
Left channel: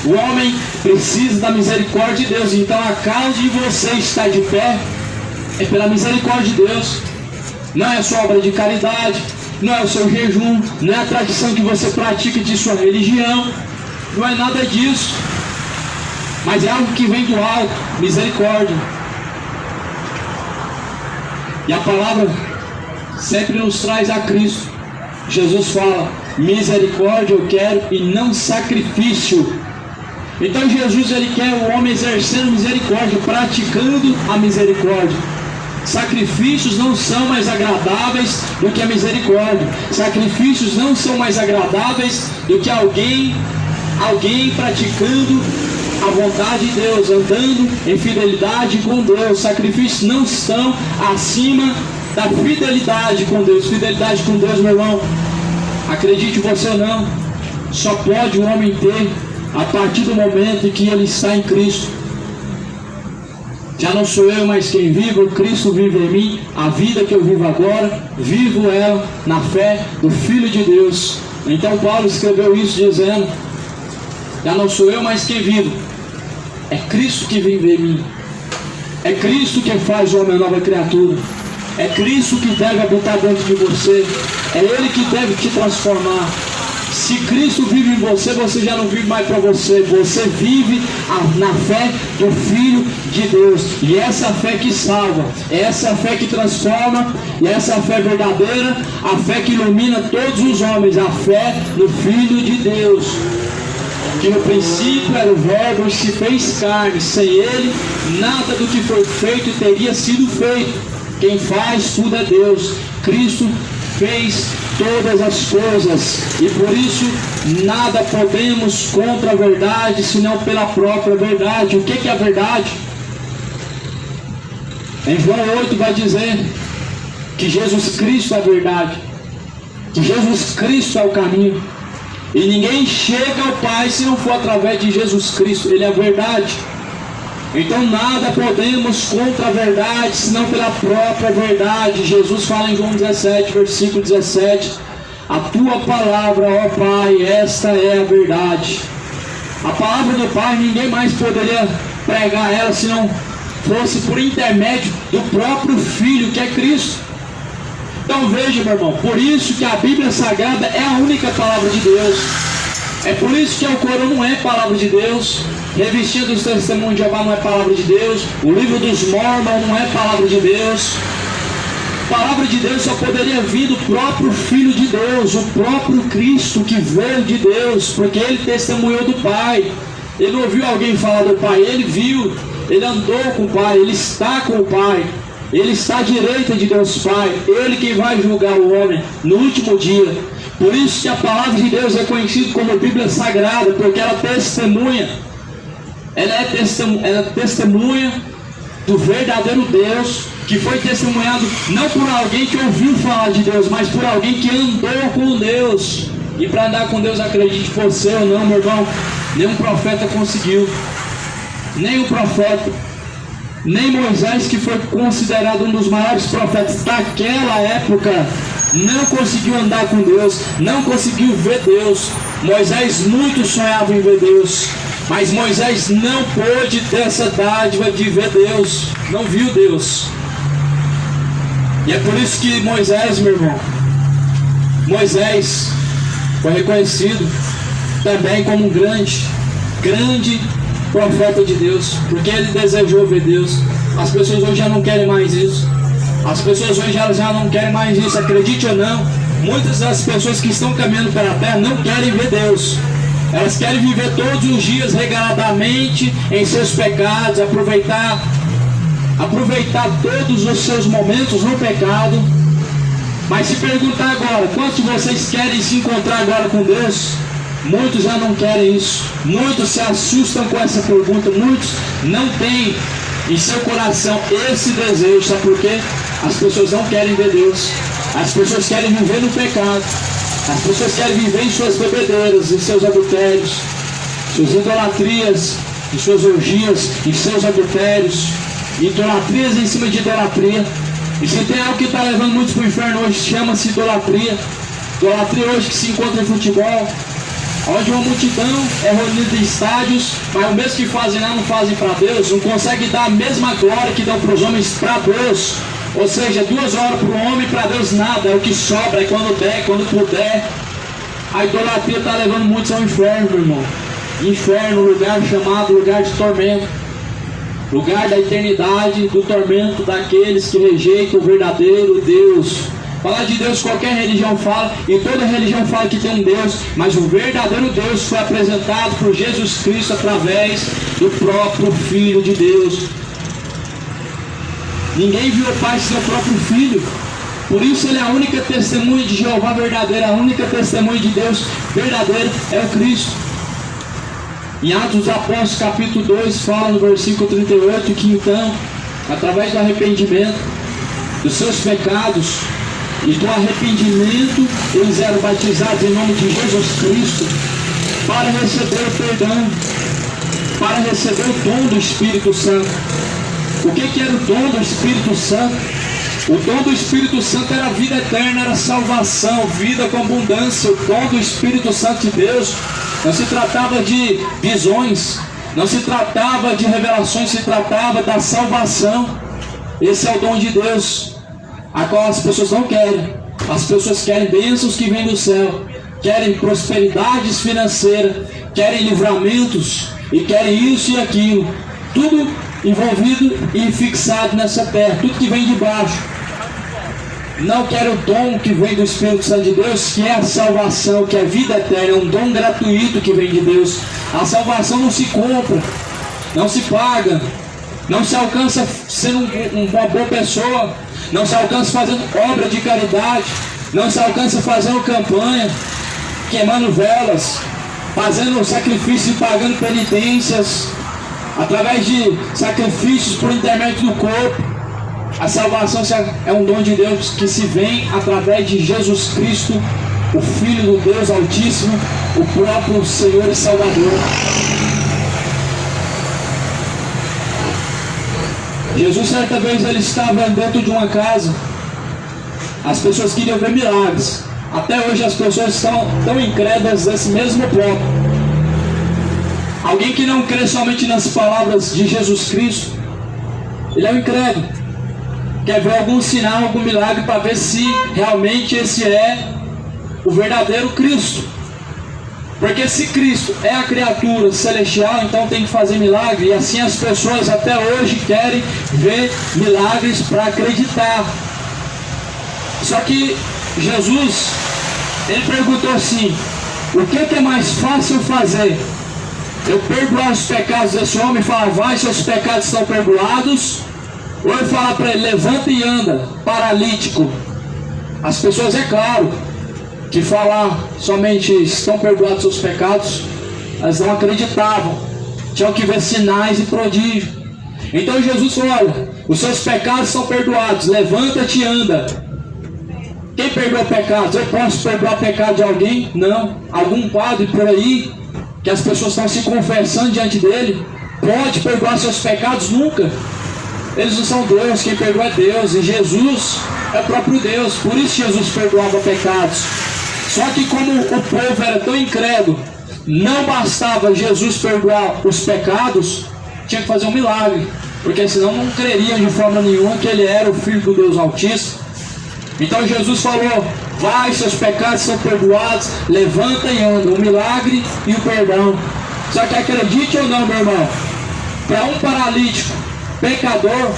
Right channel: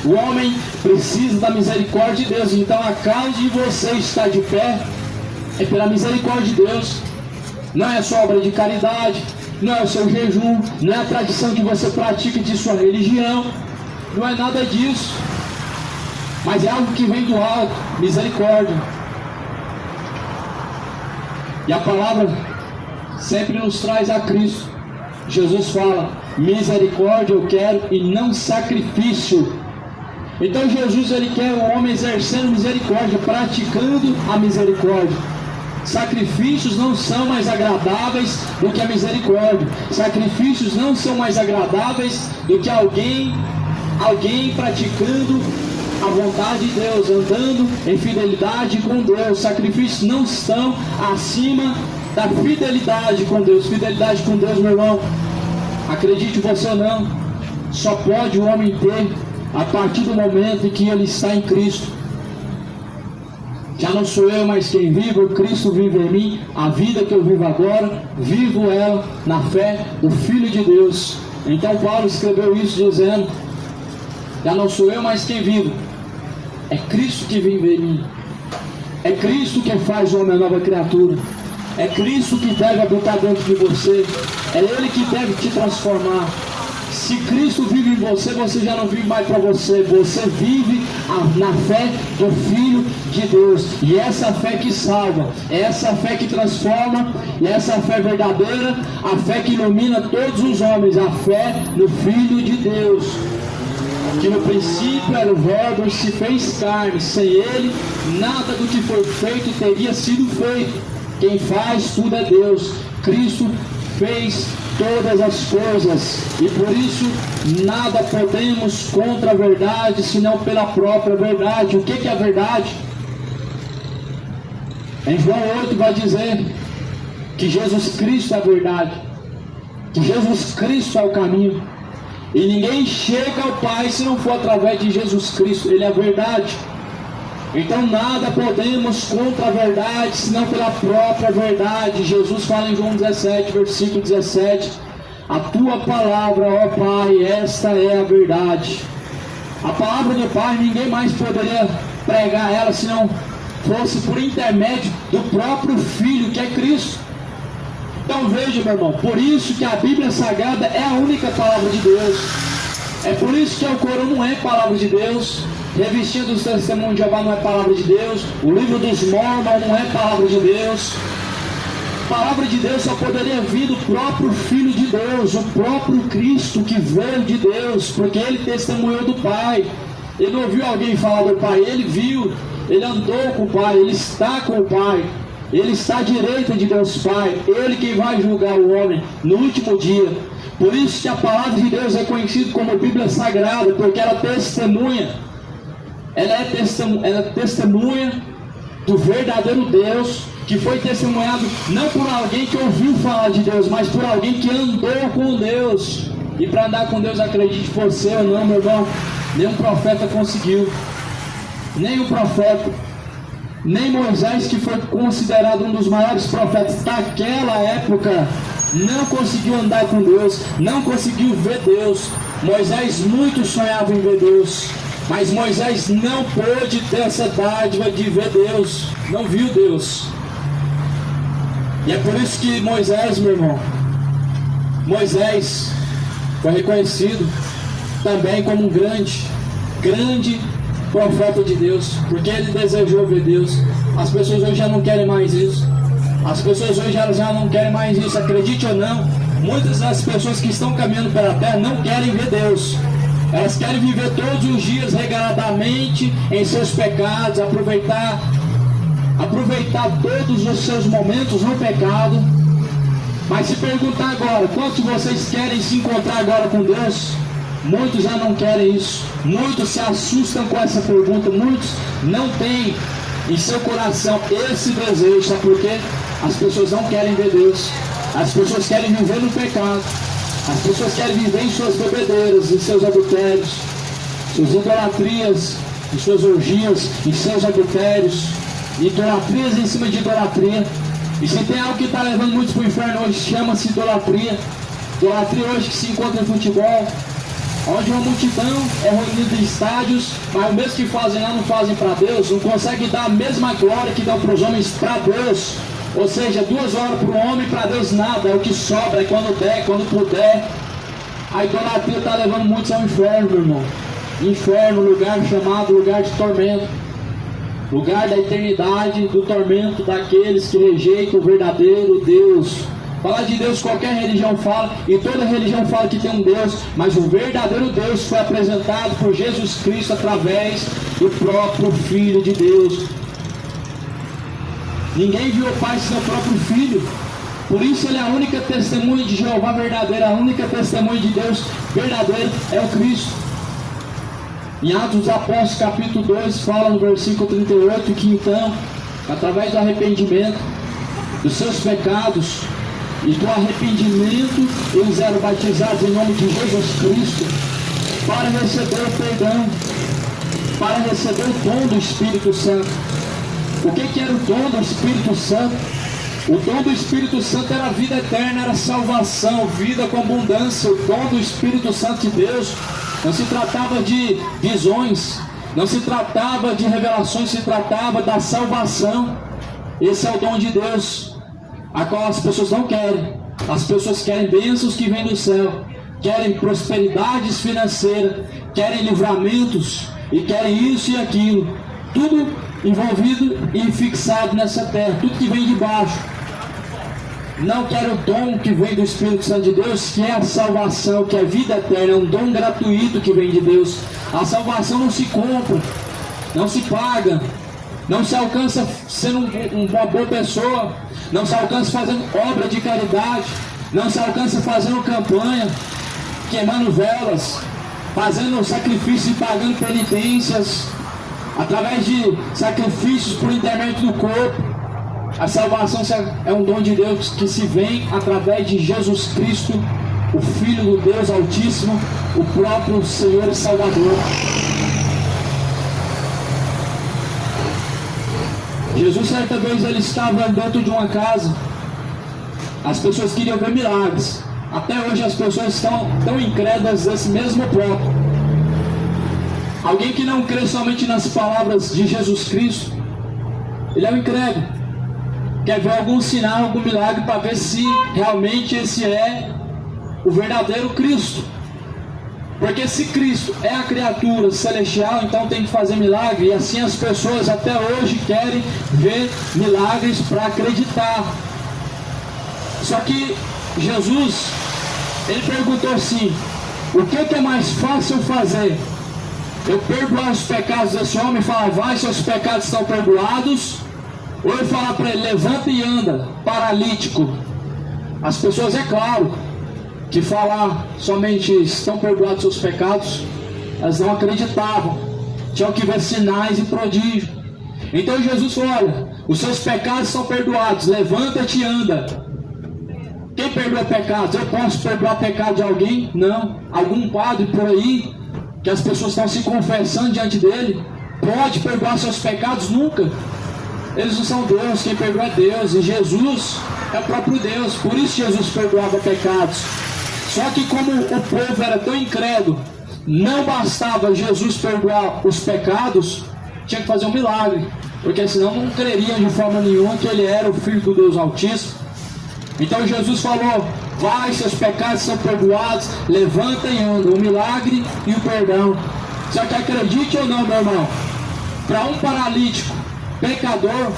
O homem precisa da misericórdia de Deus. Então a causa de você estar de pé é pela misericórdia de Deus. Não é a sua obra de caridade, não é o seu jejum, não é a tradição que você pratica de sua religião, não é nada disso, mas é algo que vem do alto, misericórdia. E a palavra sempre nos traz a Cristo. Jesus fala, misericórdia eu quero e não sacrifício. Então Jesus ele quer o homem exercendo misericórdia, praticando a misericórdia. Sacrifícios não são mais agradáveis do que a misericórdia. Sacrifícios não são mais agradáveis do que alguém praticando a vontade de Deus, andando em fidelidade com Deus. Sacrifícios não estão acima da fidelidade com Deus. Fidelidade com Deus, meu irmão, acredite você ou não, só pode o homem ter a partir do momento em que ele está em Cristo. Já não sou eu mais quem vive, o Cristo vive em mim. A vida que eu vivo agora, vivo ela na fé do Filho de Deus. Então Paulo escreveu isso dizendo, já não sou eu mais quem vivo, é Cristo que vive em mim. É Cristo que faz o homem nova criatura. É Cristo que deve habitar dentro de você. É Ele que deve te transformar. Se Cristo vive em você, você já não vive mais para você. Você vive na fé do Filho de Deus. E essa fé que salva, essa fé que transforma, e essa fé verdadeira, a fé que ilumina todos os homens, a fé no Filho de Deus. Que no princípio era o Verbo e se fez carne. Sem Ele, nada do que foi feito teria sido feito. Quem faz tudo é Deus. Cristo fez todas as coisas. E por isso, nada podemos contra a verdade, senão pela própria verdade. O que é a verdade? Em João 8 vai dizer que Jesus Cristo é a verdade. Que Jesus Cristo é o caminho. E ninguém chega ao Pai se não for através de Jesus Cristo. Ele é a verdade. Então nada podemos contra a verdade, senão pela própria verdade. Jesus fala em João 17, versículo 17. A tua palavra, ó Pai, esta é a verdade. A palavra do Pai, ninguém mais poderia pregar ela se não fosse por intermédio do próprio Filho, que é Cristo. Então veja, meu irmão, por isso que a Bíblia Sagrada é a única palavra de Deus. É por isso que o Corão não é palavra de Deus. Revestido dos Testemunhos de Jeová não é palavra de Deus. O livro dos Mormons não é palavra de Deus. Palavra de Deus só poderia vir do próprio Filho de Deus, o próprio Cristo que veio de Deus, porque ele testemunhou do Pai. Ele não ouviu alguém falar do Pai, ele viu, ele andou com o Pai, ele está com o Pai. Ele está à direita de Deus Pai. Ele quem vai julgar o homem no último dia. Por isso que a palavra de Deus é conhecida como Bíblia Sagrada, porque ela testemunha ela é testemunha do verdadeiro Deus, que foi testemunhado não por alguém que ouviu falar de Deus, mas por alguém que andou com Deus. E para andar com Deus, acredite você ou não, meu irmão, nenhum profeta conseguiu. Nem o profeta, nem Moisés, que foi considerado um dos maiores profetas daquela época, não conseguiu andar com Deus, não conseguiu ver Deus. Moisés muito sonhava em ver Deus, mas Moisés não pôde ter essa dádiva de ver Deus, não viu Deus. E é por isso que Moisés, meu irmão, Moisés foi reconhecido também como um grande profeta de Deus, porque ele desejou ver Deus. As pessoas hoje já não querem mais isso. As pessoas hoje já não querem mais isso, acredite ou não. Muitas das pessoas que estão caminhando pela terra não querem ver Deus. Elas querem viver todos os dias regradamente em seus pecados, aproveitar todos os seus momentos no pecado. Mas se perguntar agora, quantos de vocês querem se encontrar agora com Deus? Muitos já não querem isso. Muitos se assustam com essa pergunta. Muitos não têm em seu coração esse desejo. Sabe por quê? As pessoas não querem ver Deus. As pessoas querem viver no pecado. As pessoas querem viver em suas bebedeiras, em seus adultérios, suas idolatrias, em suas orgias, em seus adultérios, idolatrias em cima de idolatria. E se tem algo que está levando muitos para o inferno hoje, chama-se idolatria. Idolatria hoje que se encontra em futebol, onde uma multidão é reunida em estádios, mas o mesmo que fazem lá não fazem para Deus, não conseguem dar a mesma glória que dão para os homens para Deus. Ou seja, 2 horas para o homem, para Deus nada, é o que sobra, é quando der, quando puder. A idolatria está levando muitos ao inferno, meu irmão. Inferno, lugar chamado lugar de tormento, lugar da eternidade, do tormento daqueles que rejeitam o verdadeiro Deus. Falar de Deus, qualquer religião fala, e toda religião fala que tem um Deus, mas o verdadeiro Deus foi apresentado por Jesus Cristo através do próprio Filho de Deus. Ninguém viu o Pai senão o próprio Filho. Por isso ele é a única testemunha de Jeová verdadeira, a única testemunha de Deus verdadeiro é o Cristo. Em Atos dos Apóstolos capítulo 2 fala no versículo 38 que então, através do arrependimento dos seus pecados e do arrependimento, eles eram batizados em nome de Jesus Cristo para receber o perdão, para receber o dom do Espírito Santo. O que era o dom do Espírito Santo? O dom do Espírito Santo era a vida eterna, era salvação, vida com abundância. O dom do Espírito Santo de Deus não se tratava de visões, não se tratava de revelações, se tratava da salvação. Esse é o dom de Deus, a qual as pessoas não querem. As pessoas querem bênçãos que vêm do céu, querem prosperidades financeiras, querem livramentos e querem isso e aquilo, tudo envolvido e fixado nessa terra, tudo que vem de baixo. Não quero o dom que vem do Espírito Santo de Deus, que é a salvação, que é a vida eterna, é um dom gratuito que vem de Deus. A salvação não se compra, não se paga, não se alcança sendo uma boa pessoa, não se alcança fazendo obra de caridade, não se alcança fazendo campanha, queimando velas, fazendo sacrifício e pagando penitências, através de sacrifícios por intermédio do corpo. A salvação é um dom de Deus que se vem através de Jesus Cristo, o Filho do Deus Altíssimo, o próprio Senhor e Salvador. Jesus, certa vez, ele estava dentro de uma casa. As pessoas queriam ver milagres. Até hoje as pessoas estão tão incrédulas desse mesmo ponto. Alguém que não crê somente nas palavras de Jesus Cristo, ele é um incrédulo. Quer ver algum sinal, algum milagre para ver se realmente esse é o verdadeiro Cristo. Porque se Cristo é a criatura celestial, então tem que fazer milagre. E assim as pessoas até hoje querem ver milagres para acreditar. Só que Jesus, ele perguntou assim: o que é mais fácil fazer? Eu perdoar os pecados desse homem e falar, vai, seus pecados estão perdoados? Ou eu falar para ele, levanta e anda, paralítico? As pessoas, é claro, que falar somente estão perdoados seus pecados, elas não acreditavam. tinham que ver sinais e prodígios. Então Jesus falou: olha, os seus pecados são perdoados, levanta-te e anda. Quem perdoa pecados? Eu posso perdoar pecado de alguém? Não. Algum padre por aí, que as pessoas estão se confessando diante dele, pode perdoar seus pecados? Nunca. Eles não são Deus, quem perdoa é Deus, e Jesus é o próprio Deus. Por isso Jesus perdoava pecados. Só que como o povo era tão incrédulo, não bastava Jesus perdoar os pecados, tinha que fazer um milagre, porque senão não creriam de forma nenhuma que ele era o Filho do Deus Altíssimo. Então Jesus falou: vai, seus pecados são perdoados, levanta e anda. O milagre e o perdão. Só que acredite ou não, meu irmão, para um paralítico pecador,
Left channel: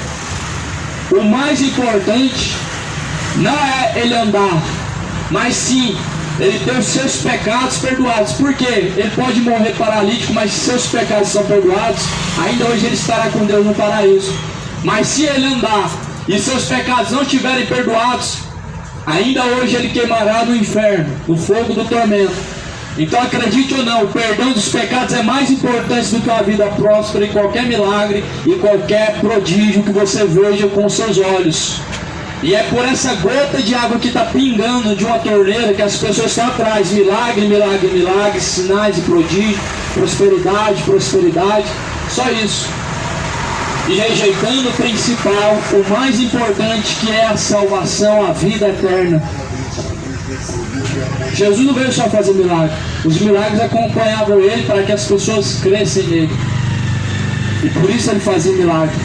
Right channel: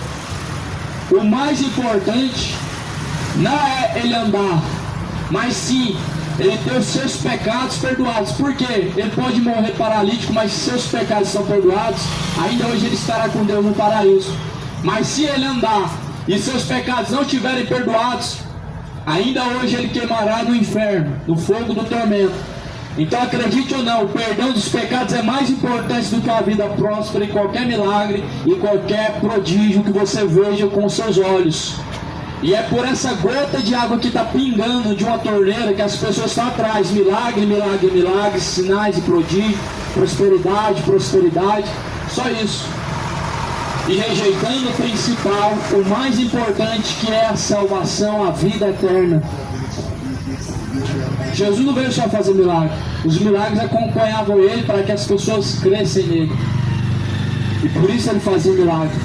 o mais importante não é ele andar, mas sim ele ter os seus pecados perdoados. Por quê? Ele pode morrer paralítico, mas se seus pecados são perdoados, ainda hoje ele estará com Deus no paraíso. Mas se ele andar e seus pecados não estiverem perdoados, ainda hoje ele queimará no inferno, no fogo do tormento. Então acredite ou não, o perdão dos pecados é mais importante do que a vida próspera e qualquer milagre e qualquer prodígio que você veja com seus olhos. E é por essa gota de água que está pingando de uma torneira que as pessoas estão atrás. Milagre, milagre, milagre, sinais e prodígio, prosperidade, prosperidade, só isso. E rejeitando o principal, o mais importante, que é a salvação, a vida eterna. Jesus não veio só fazer milagre. Os milagres acompanhavam ele para que as pessoas crescem nele. E por isso ele fazia milagre.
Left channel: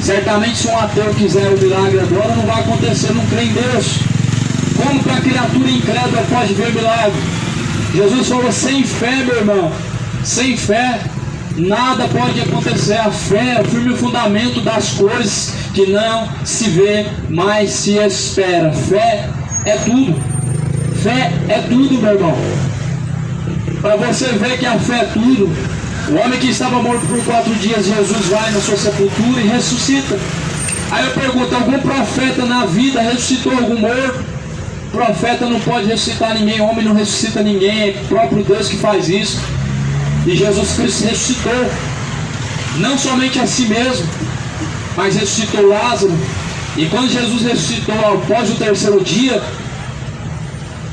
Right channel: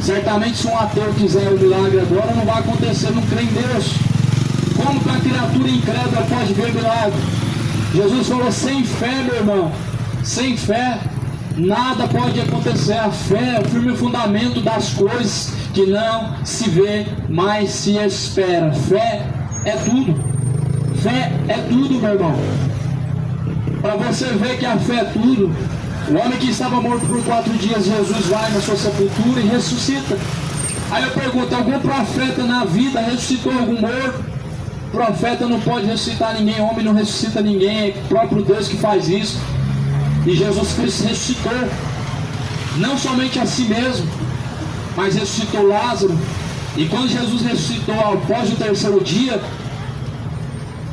Certamente se um ateu quiser um milagre agora, não vai acontecer, não crê em Deus. Como que uma criatura incrédula pode ver milagre? Jesus falou: sem fé, meu irmão, sem fé nada pode acontecer. A fé é o firme fundamento das coisas que não se vê, mas se espera. Fé é tudo. Fé é tudo, meu irmão. Para você ver que a fé é tudo, o homem que estava morto por 4 dias, Jesus vai na sua sepultura e ressuscita. Aí eu pergunto: algum profeta na vida ressuscitou algum morto? Profeta não pode ressuscitar ninguém, homem não ressuscita ninguém, é o próprio Deus que faz isso. E Jesus Cristo ressuscitou, não somente a si mesmo, mas ressuscitou Lázaro. E quando Jesus ressuscitou após o 3º dia,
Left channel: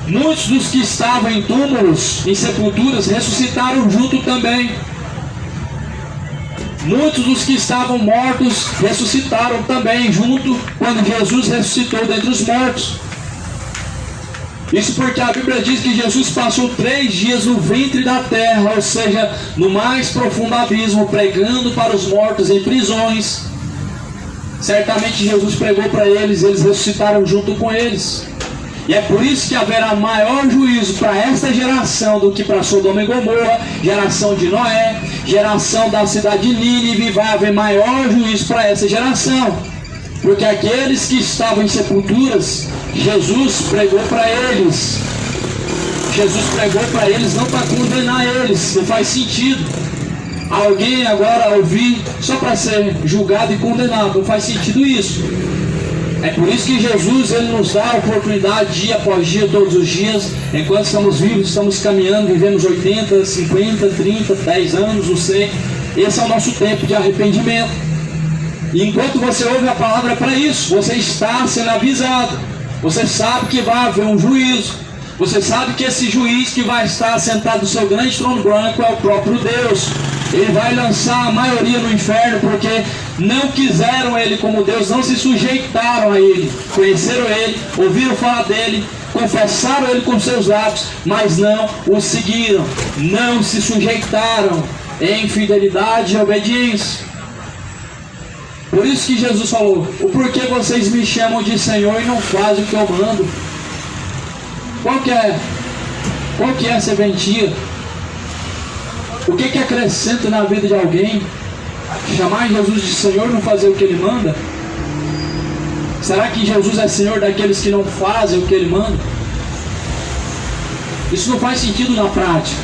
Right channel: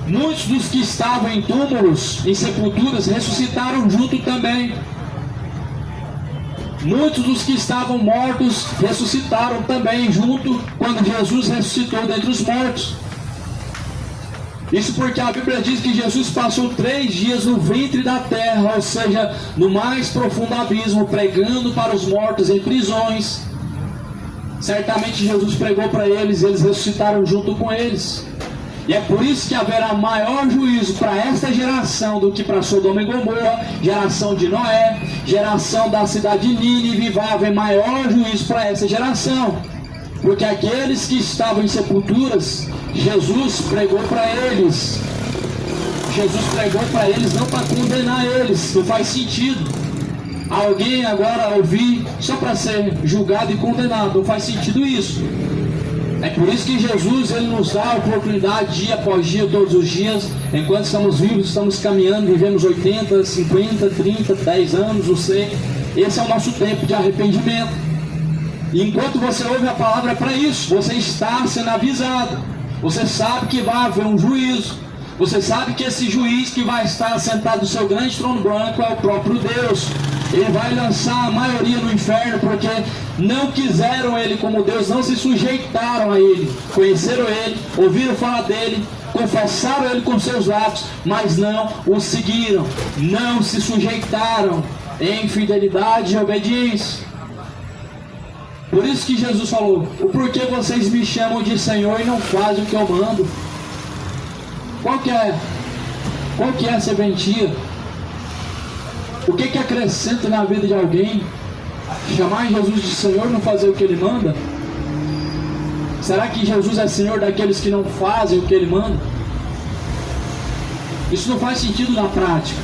muitos dos que estavam em túmulos, em sepulturas, ressuscitaram junto também. Muitos dos que estavam mortos ressuscitaram também junto quando Jesus ressuscitou dentre os mortos. Isso porque a Bíblia diz que Jesus passou 3 dias no ventre da terra, ou seja, no mais profundo abismo, pregando para os mortos em prisões. Certamente Jesus pregou para eles e eles ressuscitaram junto com eles. E é por isso que haverá maior juízo para esta geração do que para Sodoma e Gomorra, geração de Noé, geração da cidade de Nínive. Vai haver maior juízo para essa geração, porque aqueles que estavam em sepulturas, Jesus pregou para eles. Jesus pregou para eles não para condenar eles, não faz sentido alguém agora ouvir só para ser julgado e condenado, não faz sentido isso. É por isso que Jesus, ele nos dá a oportunidade dia após dia, todos os dias, enquanto estamos vivos, estamos caminhando, vivemos 80, 50, 30, 10 anos, não sei. Esse é o nosso tempo de arrependimento. E enquanto você ouve a palavra, é para isso. Você está sendo avisado. Você sabe que vai haver um juízo. Você sabe que esse juiz que vai estar sentado no seu grande trono branco é o próprio Deus. Ele vai lançar a maioria no inferno porque não quiseram ele como Deus, não se sujeitaram a ele, conheceram ele, ouviram falar dele, confessaram ele com seus lábios, mas não o seguiram, não se sujeitaram em fidelidade e obediência. Por isso que Jesus falou: o porquê vocês me chamam de Senhor e não fazem o que eu mando? Qual que é a serventia? O que acrescenta na vida de alguém chamar Jesus de Senhor e não fazer o que Ele manda? Será que Jesus é Senhor daqueles que não fazem o que Ele manda? Isso não faz sentido na prática.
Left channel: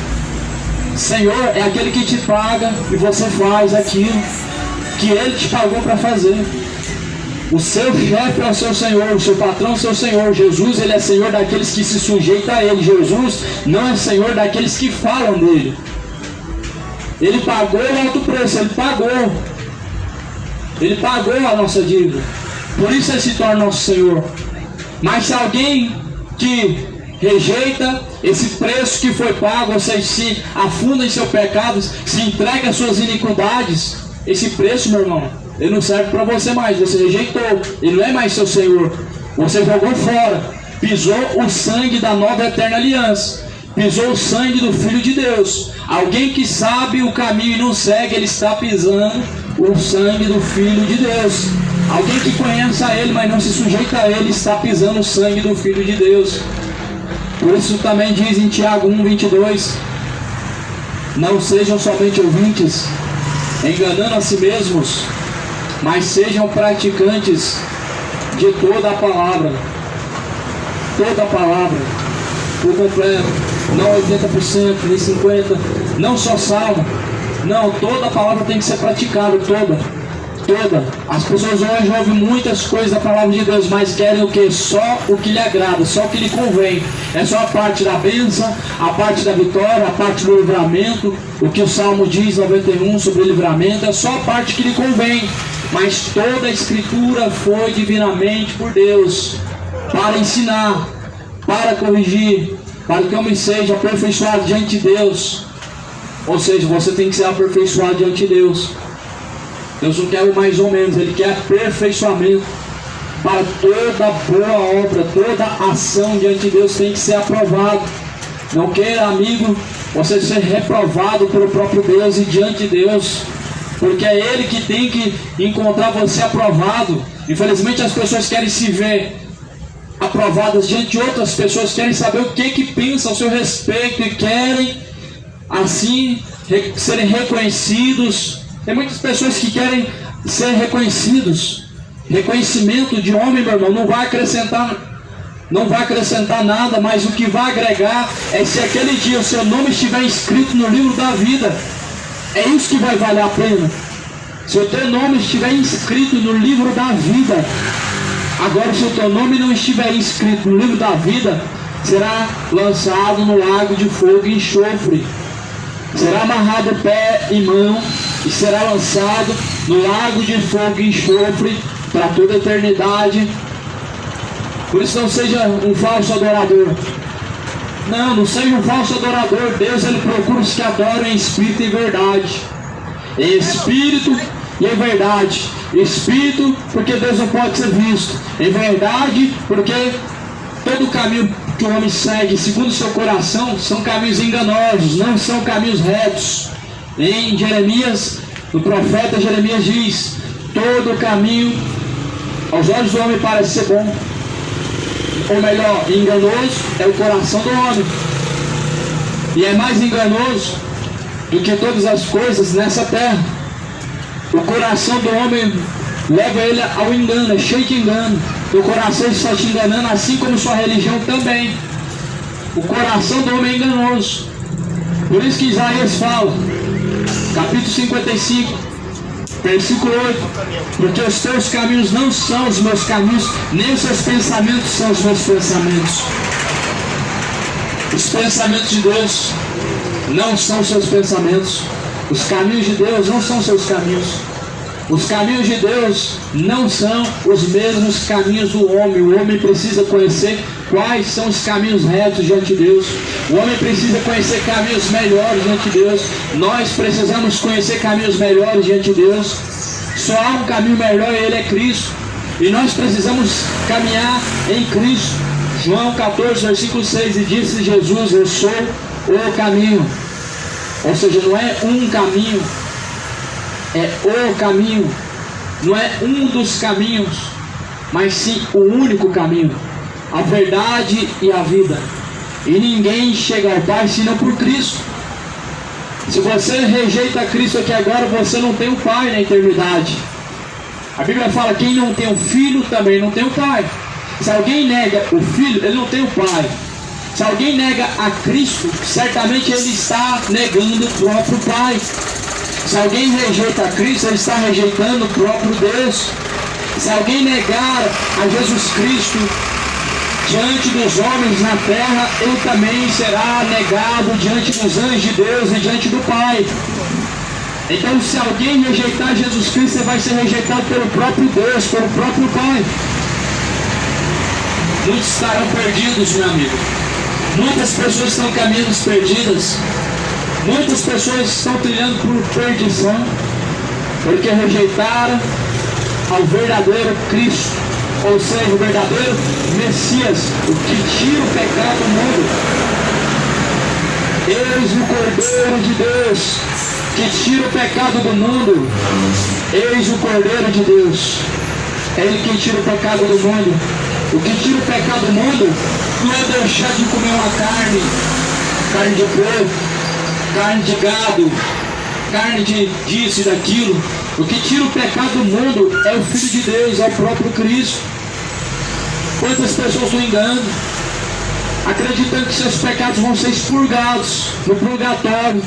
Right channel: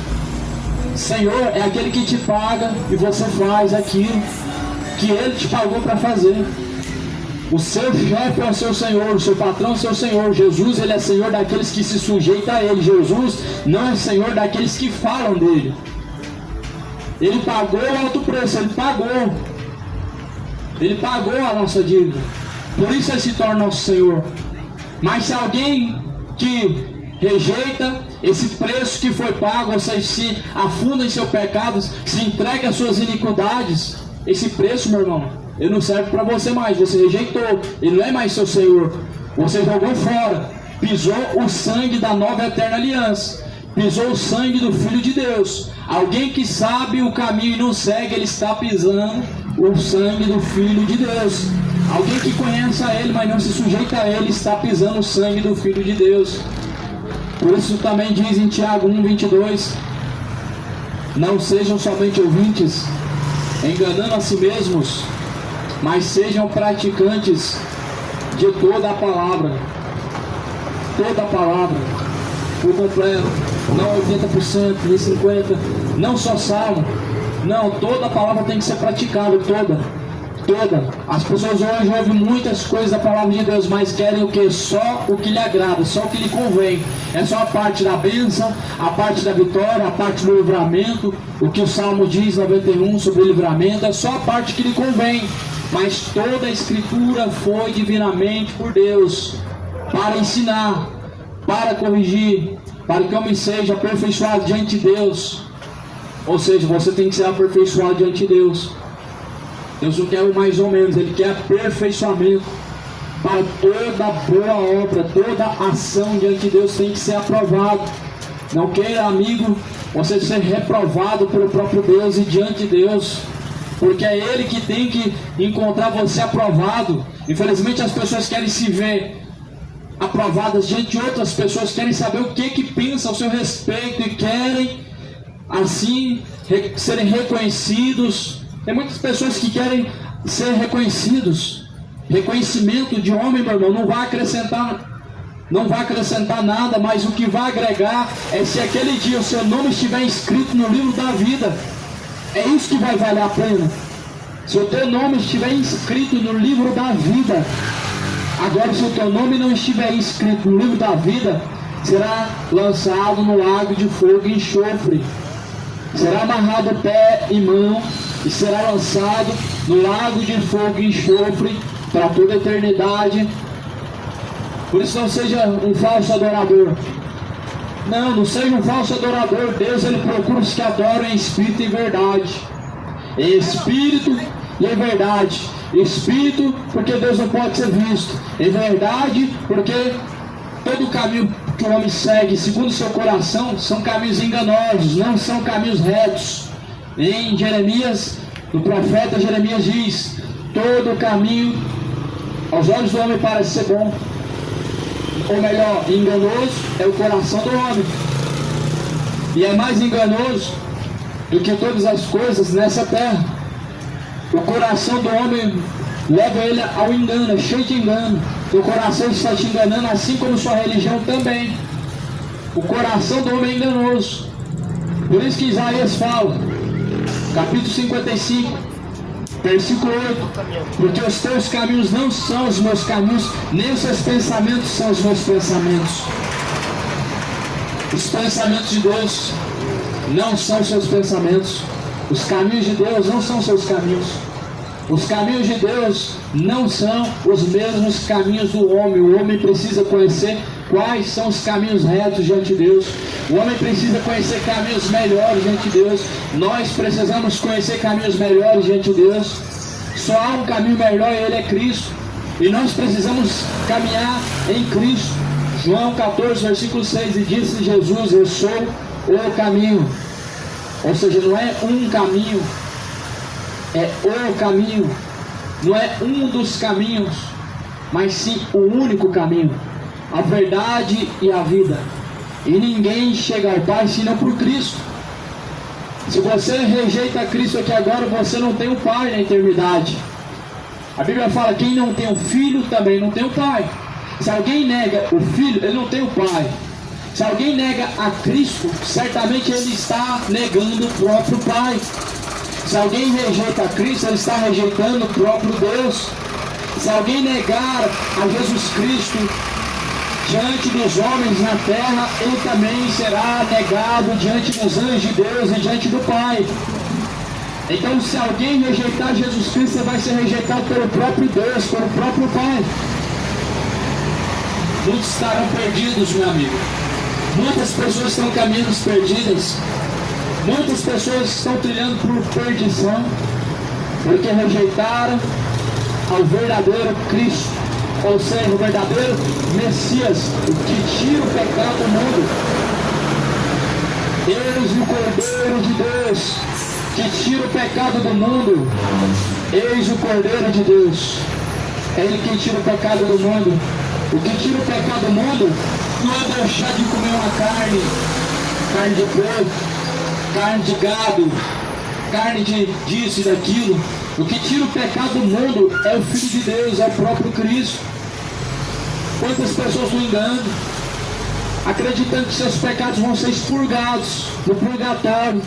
Senhor é aquele que te paga e você faz aquilo que Ele te pagou para fazer. O seu chefe é o seu Senhor, o seu patrão é o seu Senhor. Jesus, Ele é Senhor daqueles que se sujeitam a Ele. Jesus não é Senhor daqueles que falam dele. Ele pagou o alto preço, Ele pagou. Ele pagou a nossa dívida. Por isso Ele se torna nosso Senhor. Mas se alguém que rejeita esse preço que foi pago, ou seja, se afunda em seus pecados, se entrega às suas iniquidades, esse preço, meu irmão, ele não serve para você mais. Você rejeitou, ele não é mais seu Senhor. Você jogou fora, pisou o sangue da nova eterna aliança, pisou o sangue do Filho de Deus. Alguém que sabe o caminho e não segue, ele está pisando o sangue do Filho de Deus. Alguém que conhece a Ele, mas não se sujeita a Ele, está pisando o sangue do Filho de Deus. Por isso também diz em Tiago 1:22, não sejam somente ouvintes, enganando a si mesmos, mas sejam praticantes de toda a palavra. Toda a palavra, por completo, não 80%, nem 50%, não só salmo. Não, toda a palavra tem que ser praticada, toda. As pessoas hoje ouvem muitas coisas da palavra de Deus, mas querem o que? Só o que lhe agrada, só o que lhe convém. É só a parte da bênção, a parte da vitória, a parte do livramento, o que o Salmo diz 91 sobre o livramento, é só a parte que lhe convém. Mas toda a Escritura foi divinamente por Deus para ensinar, para corrigir, para que o homem seja aperfeiçoado diante de Deus. Ou seja, você tem que ser aperfeiçoado diante de Deus. Deus não quer o mais ou menos, Ele quer aperfeiçoamento. Para toda boa obra, toda ação diante de Deus tem que ser aprovado. Não queira, amigo, você ser reprovado pelo próprio Deus e diante de Deus, porque é Ele que tem que encontrar você aprovado. Infelizmente as pessoas querem se ver aprovadas diante de outras pessoas, querem saber o que pensam ao seu respeito e querem assim serem reconhecidos. Tem muitas pessoas que querem ser reconhecidos. Reconhecimento de homem, meu irmão, não vai acrescentar nada, mas o que vai agregar é se aquele dia o seu nome estiver inscrito no livro da vida. É isso que vai valer a pena. Se o teu nome estiver inscrito no livro da vida. Agora, se o teu nome não estiver inscrito no livro da vida, será lançado no lago de fogo e enxofre. Será amarrado pé e mão e será lançado no lago de fogo e enxofre para toda a eternidade. Por isso não seja um falso adorador. Não seja um falso adorador. Deus, Ele procura os que adoram em espírito e em verdade. Em espírito e em verdade. Espírito, porque Deus não pode ser visto. Em verdade, porque todo caminho que o homem segue, segundo o seu coração, são caminhos enganosos, não são caminhos retos. Em Jeremias, o profeta Jeremias diz: todo caminho aos olhos do homem parece ser bom, ou melhor, enganoso é o coração do homem, e é mais enganoso do que todas as coisas nessa terra. O coração do homem leva ele ao engano, é cheio de engano. O coração está te enganando, assim como sua religião também. O coração do homem é enganoso. Por isso que Isaías fala, capítulo 55, versículo 8: porque os teus caminhos não são os meus caminhos, nem os seus pensamentos são os meus pensamentos. Os pensamentos de Deus não são os seus pensamentos. Os caminhos de Deus não são os seus caminhos. Os caminhos de Deus não são os mesmos caminhos do homem. O homem precisa conhecer quais são os caminhos retos diante de Deus. O homem precisa conhecer caminhos melhores diante de Deus. Nós precisamos conhecer caminhos melhores diante de Deus. Só há um caminho melhor, e Ele é Cristo. E nós precisamos caminhar em Cristo. João 14, versículo 6, e disse Jesus: eu sou o caminho. Ou seja, não é um caminho, é o caminho. Não é um dos caminhos, mas sim o único caminho, a verdade e a vida. E ninguém chega ao Pai senão por Cristo. Se você rejeita Cristo aqui agora, você não tem o Pai na eternidade. A Bíblia fala: quem não tem o Filho também não tem o Pai. Se alguém nega o Filho, ele não tem o Pai. Se alguém nega a Cristo, certamente ele está negando o próprio Pai. Se alguém rejeita a Cristo, ele está rejeitando o próprio Deus. Se alguém negar a Jesus Cristo diante dos homens na terra, ele também será negado diante dos anjos de Deus e diante do Pai. Então, se alguém rejeitar Jesus Cristo, você vai ser rejeitado pelo próprio Deus, pelo próprio Pai. Muitos estarão perdidos, meu amigo. Muitas pessoas estão caminhando perdidas. Muitas pessoas estão trilhando por perdição, porque rejeitaram ao verdadeiro Cristo, ou seja, o verdadeiro Messias, o que tira o pecado do mundo. Eis o Cordeiro de Deus, que tira o pecado do mundo. Eis o Cordeiro de Deus. É Ele que tira o pecado do mundo. O que tira o pecado do mundo não é deixar de comer uma carne de porco, carne de gado, carne de disso e daquilo. O que tira o pecado do mundo é o Filho de Deus, é o próprio Cristo. Quantas pessoas estão enganando, acreditando que seus pecados vão ser expurgados no purgatório.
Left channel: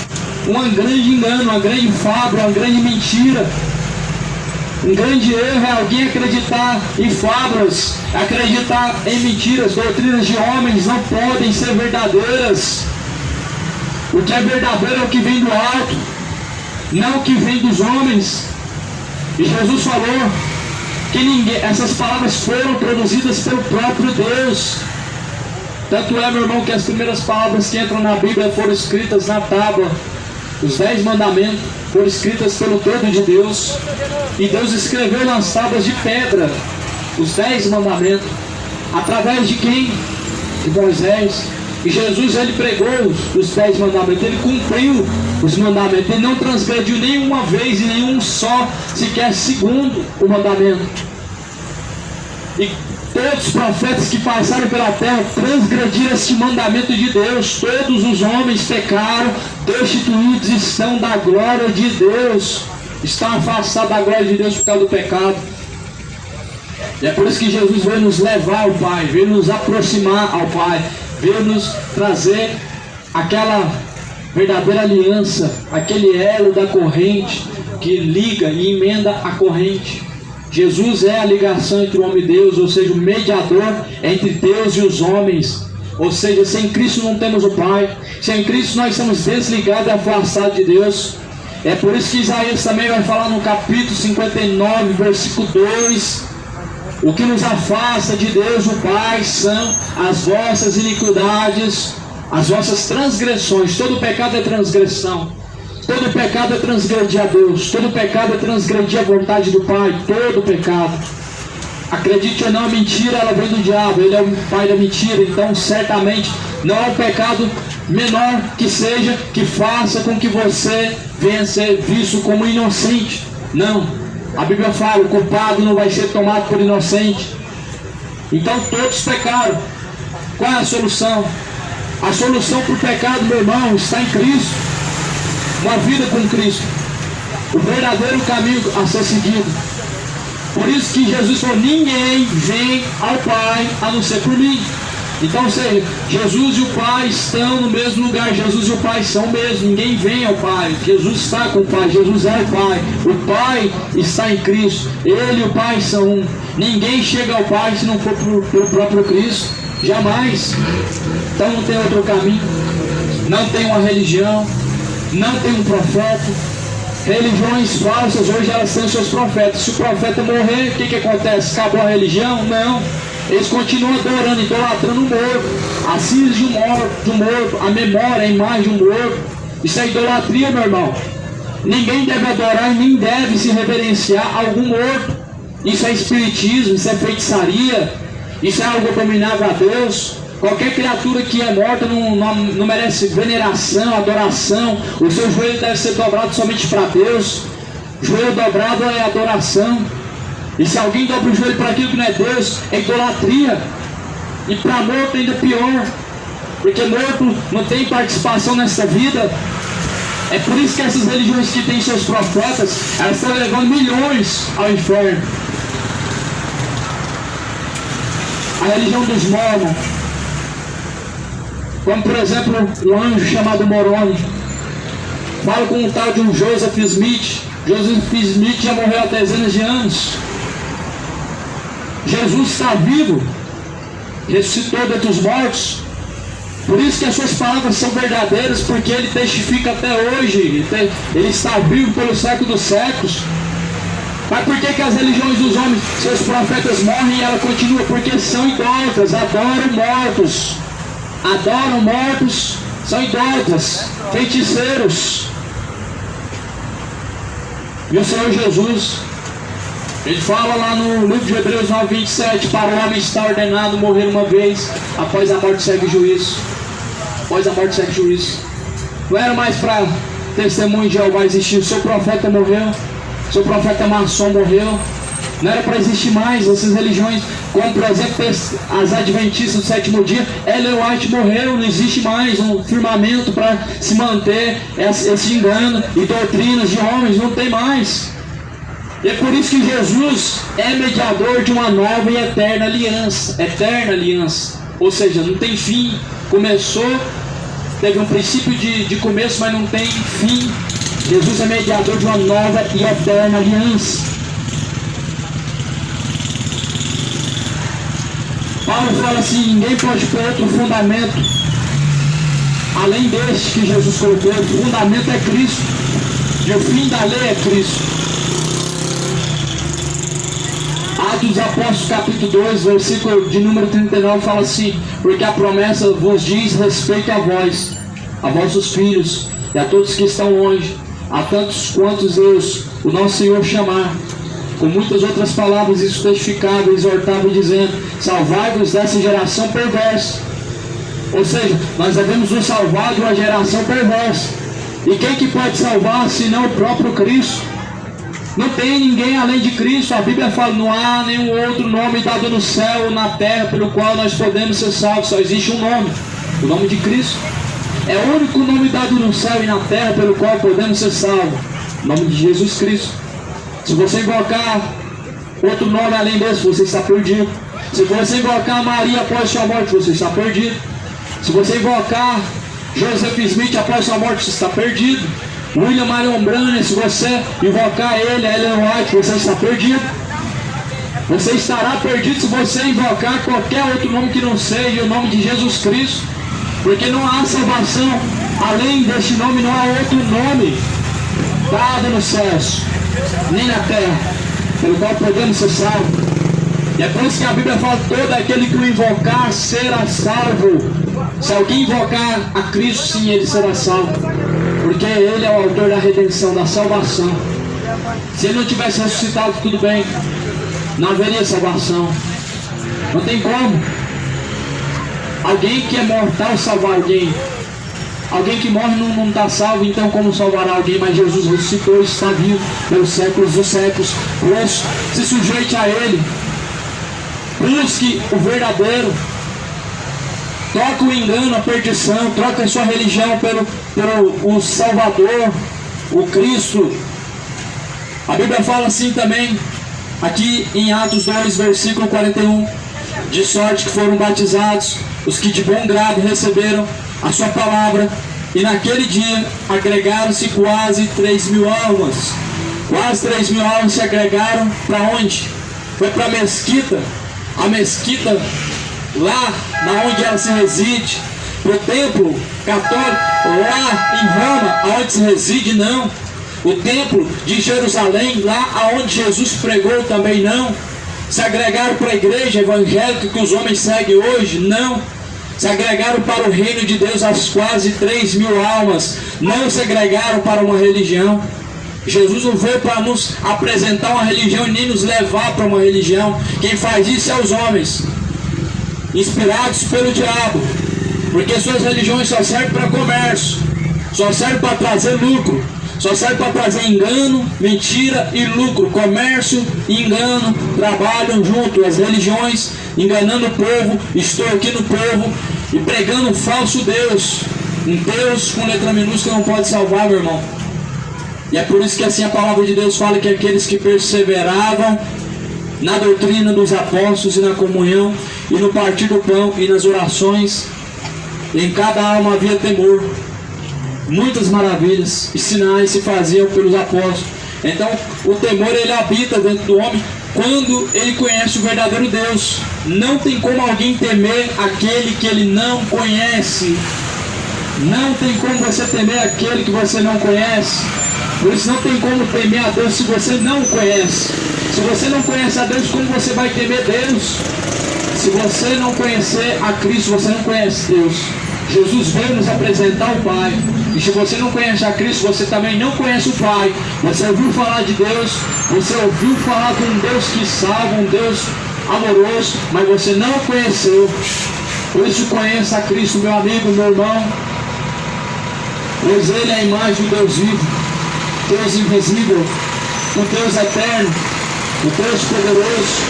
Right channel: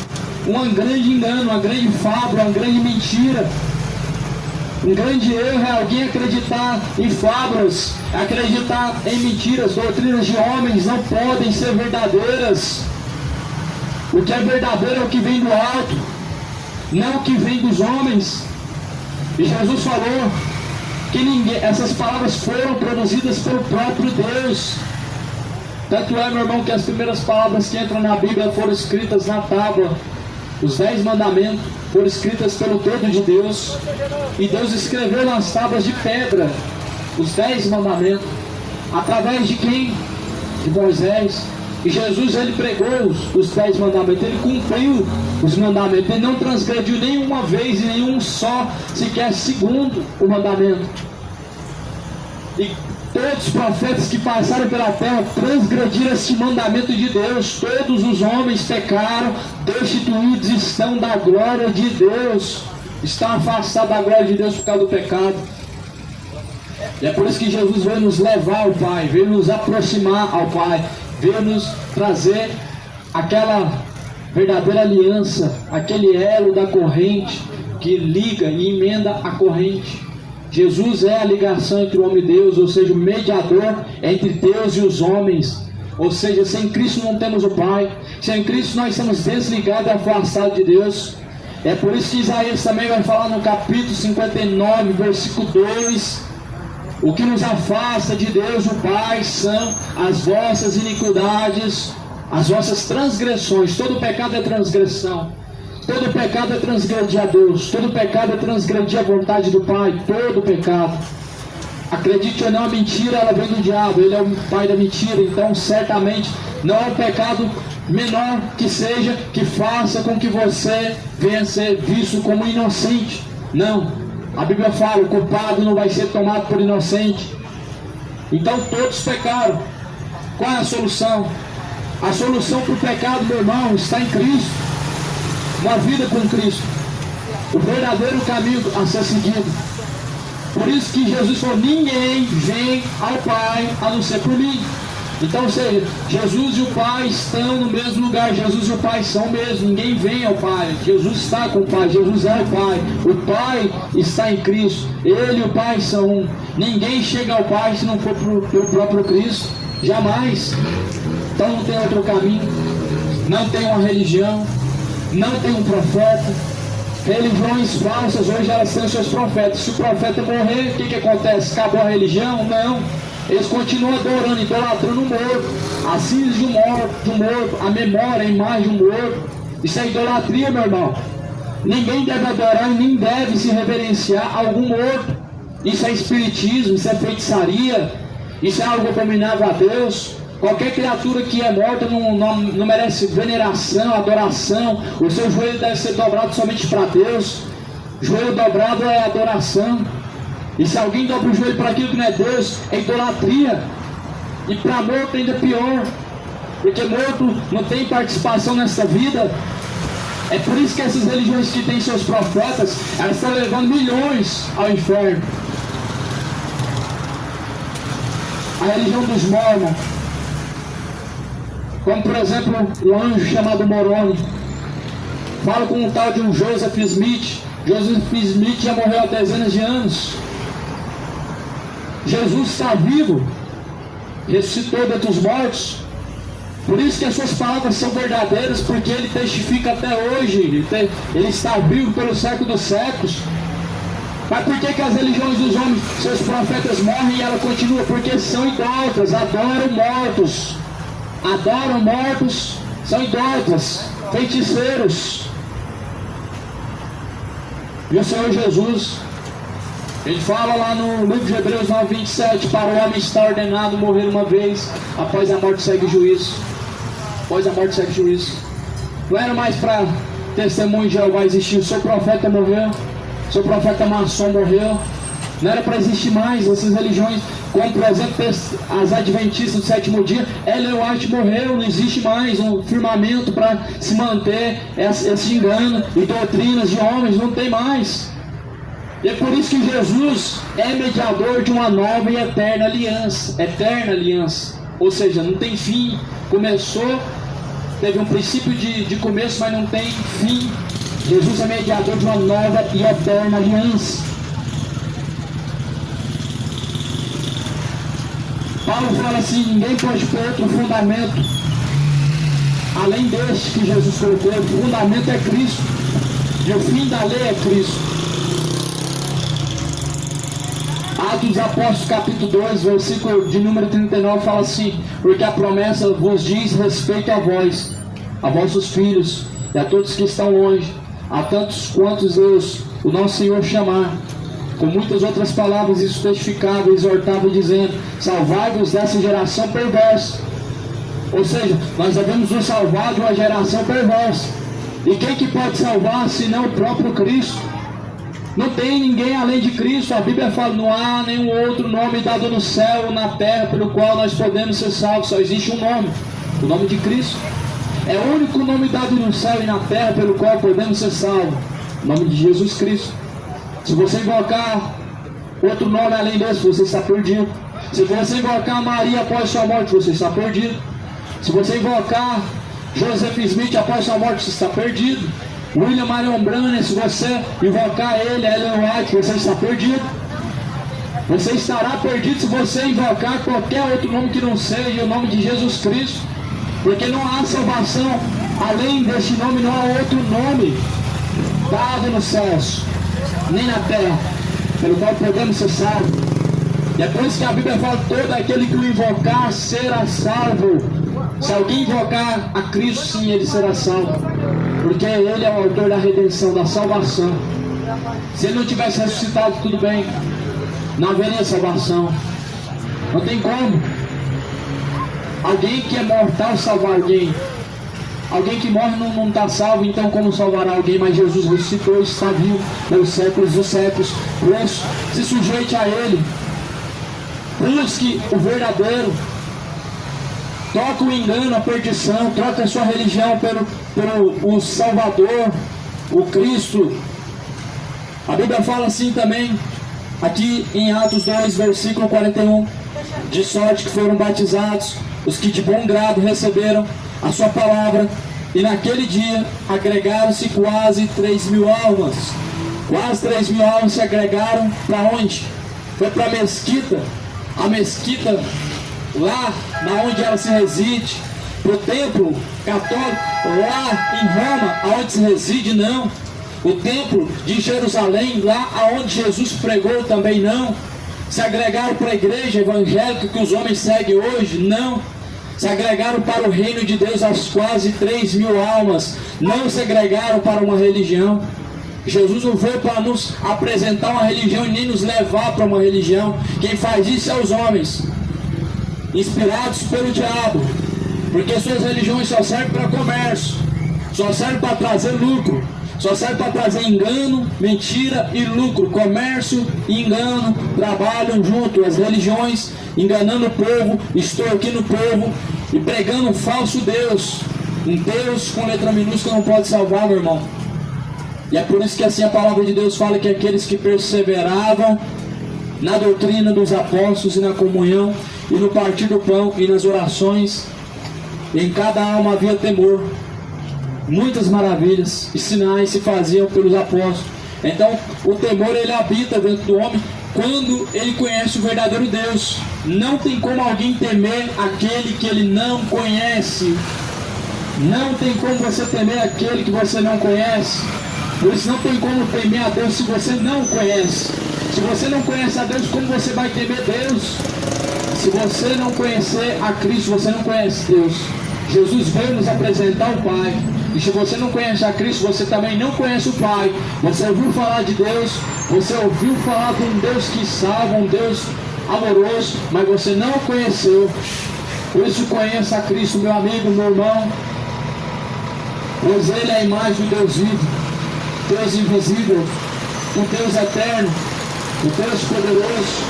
Um grande engano, uma grande fábula, uma grande mentira. Um grande erro é alguém acreditar em fábulas, acreditar em mentiras. Doutrinas de homens não podem ser verdadeiras. O que é verdadeiro é o que vem do alto, não o que vem dos homens. E Jesus falou que essas palavras foram produzidas pelo próprio Deus. Tanto é, meu irmão, que as primeiras palavras que entram na Bíblia foram escritas na tábua. Os 10 mandamentos foram escritas pelo todo de Deus. E Deus escreveu nas tábuas de pedra os 10 mandamentos. Através de quem? De Moisés. E Jesus, ele pregou os 10 mandamentos. Ele cumpriu os mandamentos. Ele não transgrediu nenhuma vez e nenhum só, sequer segundo o mandamento. E todos os profetas que passaram pela terra transgrediram este mandamento de Deus. Todos os homens pecaram, destituídos estão da glória de Deus. Estão afastados da glória de Deus por causa do pecado. E é por isso que Jesus veio nos levar ao Pai, veio nos aproximar ao Pai, veio nos trazer aquela verdadeira aliança, aquele elo da corrente que liga e emenda a corrente. Jesus é a ligação entre o homem e Deus, ou seja, o mediador entre Deus e os homens. Ou seja, sem Cristo não temos o Pai. Sem Cristo nós estamos desligados e afastados de Deus. É por isso que Isaías também vai falar no capítulo 59, versículo 2. O que nos afasta de Deus, o Pai, são as vossas iniquidades, as vossas transgressões. Todo pecado é transgressão. Todo pecado é transgredir a Deus. Todo pecado é transgredir a vontade do Pai. Todo pecado. Acredite ou não, a mentira ela vem do diabo. Ele é o pai da mentira. Então certamente não é um pecado menor que seja, que faça com que você venha a ser visto como inocente. Não. A Bíblia fala, o culpado não vai ser tomado por inocente. Então todos pecaram. Qual é a solução? A solução para o pecado, meu irmão, está em Cristo. Uma vida com Cristo. O verdadeiro caminho a ser seguido. Por isso que Jesus falou, ninguém vem ao Pai a não ser por mim. Então, ou seja, Jesus e o Pai estão no mesmo lugar. Jesus e o Pai são o mesmo. Ninguém vem ao Pai. Jesus está com o Pai. Jesus é o Pai. O Pai está em Cristo. Ele e o Pai são um. Ninguém chega ao Pai se não for pelo próprio Cristo. Jamais. Então não tem outro caminho. Não tem uma religião. Não tem um profeta. Religiões falsas hoje elas têm seus profetas. Se o profeta morrer, o que acontece? Acabou a religião? Não. Eles continuam adorando, idolatrando o morto, a cinza de um morto, a memória, a imagem de um morto. Isso é idolatria, meu irmão. Ninguém deve adorar e nem deve se reverenciar a algum morto. Isso é espiritismo, isso é feitiçaria, isso é algo abominável a Deus. Qualquer criatura que é morta não merece veneração, adoração. O seu joelho deve ser dobrado somente para Deus. Joelho dobrado é adoração. E se alguém dobra o joelho para aquilo que não é Deus, é idolatria. E para morto ainda pior, porque morto não tem participação nessa vida. É por isso que essas religiões que têm seus profetas, elas estão levando milhões ao inferno. A religião dos Mormons, como por exemplo o anjo chamado Moroni, fala com um tal de um Joseph Smith. Joseph Smith já morreu há dezenas de anos. Jesus está vivo, ressuscitou dentre os mortos. Por isso que as suas palavras são verdadeiras, porque ele testifica até hoje, ele está vivo pelo século dos séculos. Mas por que as religiões dos homens, seus profetas morrem e ela continua? Porque são idólatras, adoram mortos, são idólatras, feiticeiros. E o Senhor Jesus, ele fala lá no livro de Hebreus 9:27, para o homem está ordenado morrer uma vez, após a morte segue o juízo. Após a morte segue o juízo. Não era mais para testemunho de Jeová existir, o seu profeta morreu, o seu profeta maçom morreu. Não era para existir mais essas religiões, como por exemplo as adventistas do sétimo dia. Ellen White morreu, não existe mais um firmamento para se manter esse engano e doutrinas de homens, não tem mais. E é por isso que Jesus é mediador de uma nova e eterna aliança. Eterna aliança. Ou seja, não tem fim. Começou, teve um princípio de começo, mas não tem fim. Jesus é mediador de uma nova e eterna aliança. Paulo fala assim: ninguém pode pôr outro fundamento além deste que Jesus colocou. O fundamento é Cristo. E o fim da lei é Cristo. Atos dos Apóstolos, capítulo 2, versículo de número 39, fala assim: porque a promessa vos diz respeito a vós, a vossos filhos, e a todos que estão longe, a tantos quantos Deus, o nosso Senhor, chamar. Com muitas outras palavras, isso testificava e exortava, dizendo: salvai-vos dessa geração perversa. Ou seja, nós devemos nos salvar de uma geração perversa. E quem que pode salvar, senão o próprio Cristo? Não tem ninguém além de Cristo. A Bíblia fala: não há nenhum outro nome dado no céu ou na terra pelo qual nós podemos ser salvos. Só existe um nome, o nome de Cristo. É o único nome dado no céu e na terra pelo qual podemos ser salvos, o nome de Jesus Cristo. Se você invocar outro nome além desse, você está perdido. Se você invocar Maria após sua morte, você está perdido. Se você invocar Joseph Smith após sua morte, você está perdido. William Marion Branham, se você invocar ele, Ellen White, você está perdido. Você estará perdido se você invocar qualquer outro nome que não seja o nome de Jesus Cristo. Porque não há salvação além deste nome, não há outro nome dado nos céus, nem na terra, pelo qual podemos ser salvos. E é por isso que a Bíblia fala: todo aquele que o invocar será salvo. Se alguém invocar a Cristo, sim, ele será salvo. Porque ele é o autor da redenção, da salvação. Se ele não tivesse ressuscitado, tudo bem, não haveria salvação. Não tem como alguém que é mortal salvar alguém. Alguém que morre não está salvo, então como salvará alguém? Mas Jesus ressuscitou, está vivo pelos séculos dos séculos. Por isso, se sujeite a Ele. Busque o verdadeiro. Troca o engano, a perdição. Troca a sua religião pelo o Salvador, o Cristo. A Bíblia fala assim também, aqui em Atos 2, versículo 41. De sorte que foram batizados os que de bom grado receberam a sua palavra, e naquele dia agregaram-se quase 3.000 almas. Quase 3.000 almas se agregaram para onde? Foi para a mesquita. A mesquita, lá na onde ela se reside. Para o templo católico, lá em Roma, aonde se reside, não. O templo de Jerusalém, lá aonde Jesus pregou, também não. Se agregaram para a igreja evangélica que os homens seguem hoje? Não. Se agregaram para o reino de Deus as quase 3.000 almas. Não se agregaram para uma religião. Jesus não veio para nos apresentar uma religião e nem nos levar para uma religião. Quem faz isso é os homens, inspirados pelo diabo. Porque suas religiões só servem para comércio, só servem para trazer lucro, só servem para trazer engano, mentira e lucro. Comércio e engano trabalham junto. As religiões enganando o povo, extorquindo o povo e pregando um falso Deus. Um Deus com letra minúscula não pode salvar, meu irmão. E é por isso que assim a palavra de Deus fala que aqueles que perseveravam na doutrina dos apóstolos e na comunhão e no partir do pão e nas orações, em cada alma havia temor. Muitas maravilhas e sinais se faziam pelos apóstolos. Então o temor, ele habita dentro do homem quando ele conhece o verdadeiro Deus. Não tem como alguém temer aquele que ele não conhece. Não tem como você temer aquele que você não conhece. Por isso não tem como temer a Deus se você não o conhece. Se você não conhece a Deus, como você vai temer Deus? Se você não conhecer a Cristo, você não conhece Deus. Jesus veio nos apresentar o Pai. E se você não conhece a Cristo, você também não conhece o Pai. Você ouviu falar de Deus, você ouviu falar de um Deus que salva, um Deus amoroso, mas você não o conheceu. Por isso conheça a Cristo, meu amigo, meu irmão. Pois Ele é a imagem do Deus vivo, Deus invisível, o Deus eterno, o Deus poderoso.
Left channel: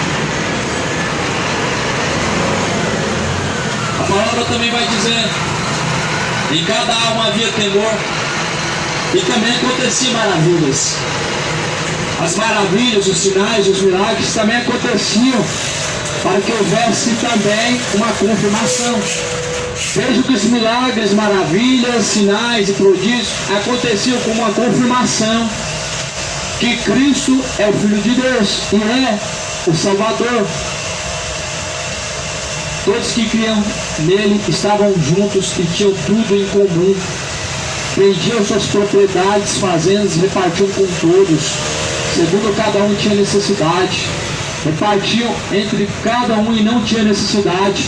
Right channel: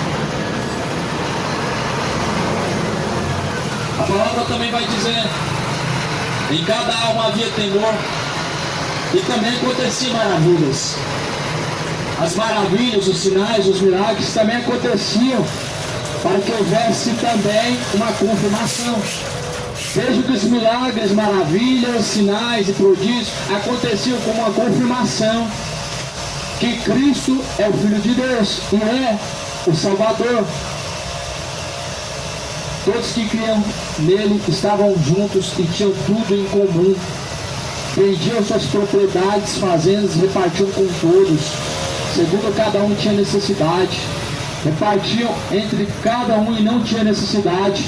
A palavra também vai dizer: em cada alma havia temor, e também aconteciam maravilhas. As maravilhas, os sinais, os milagres também aconteciam para que houvesse também uma confirmação. Veja que os milagres, maravilhas, sinais e prodígios aconteciam como uma confirmação que Cristo é o Filho de Deus e é o Salvador. Todos que criam nele estavam juntos e tinham tudo em comum. Vendiam suas propriedades, fazendas, repartiam com todos, segundo cada um tinha necessidade. Repartiam entre cada um e não tinha necessidade.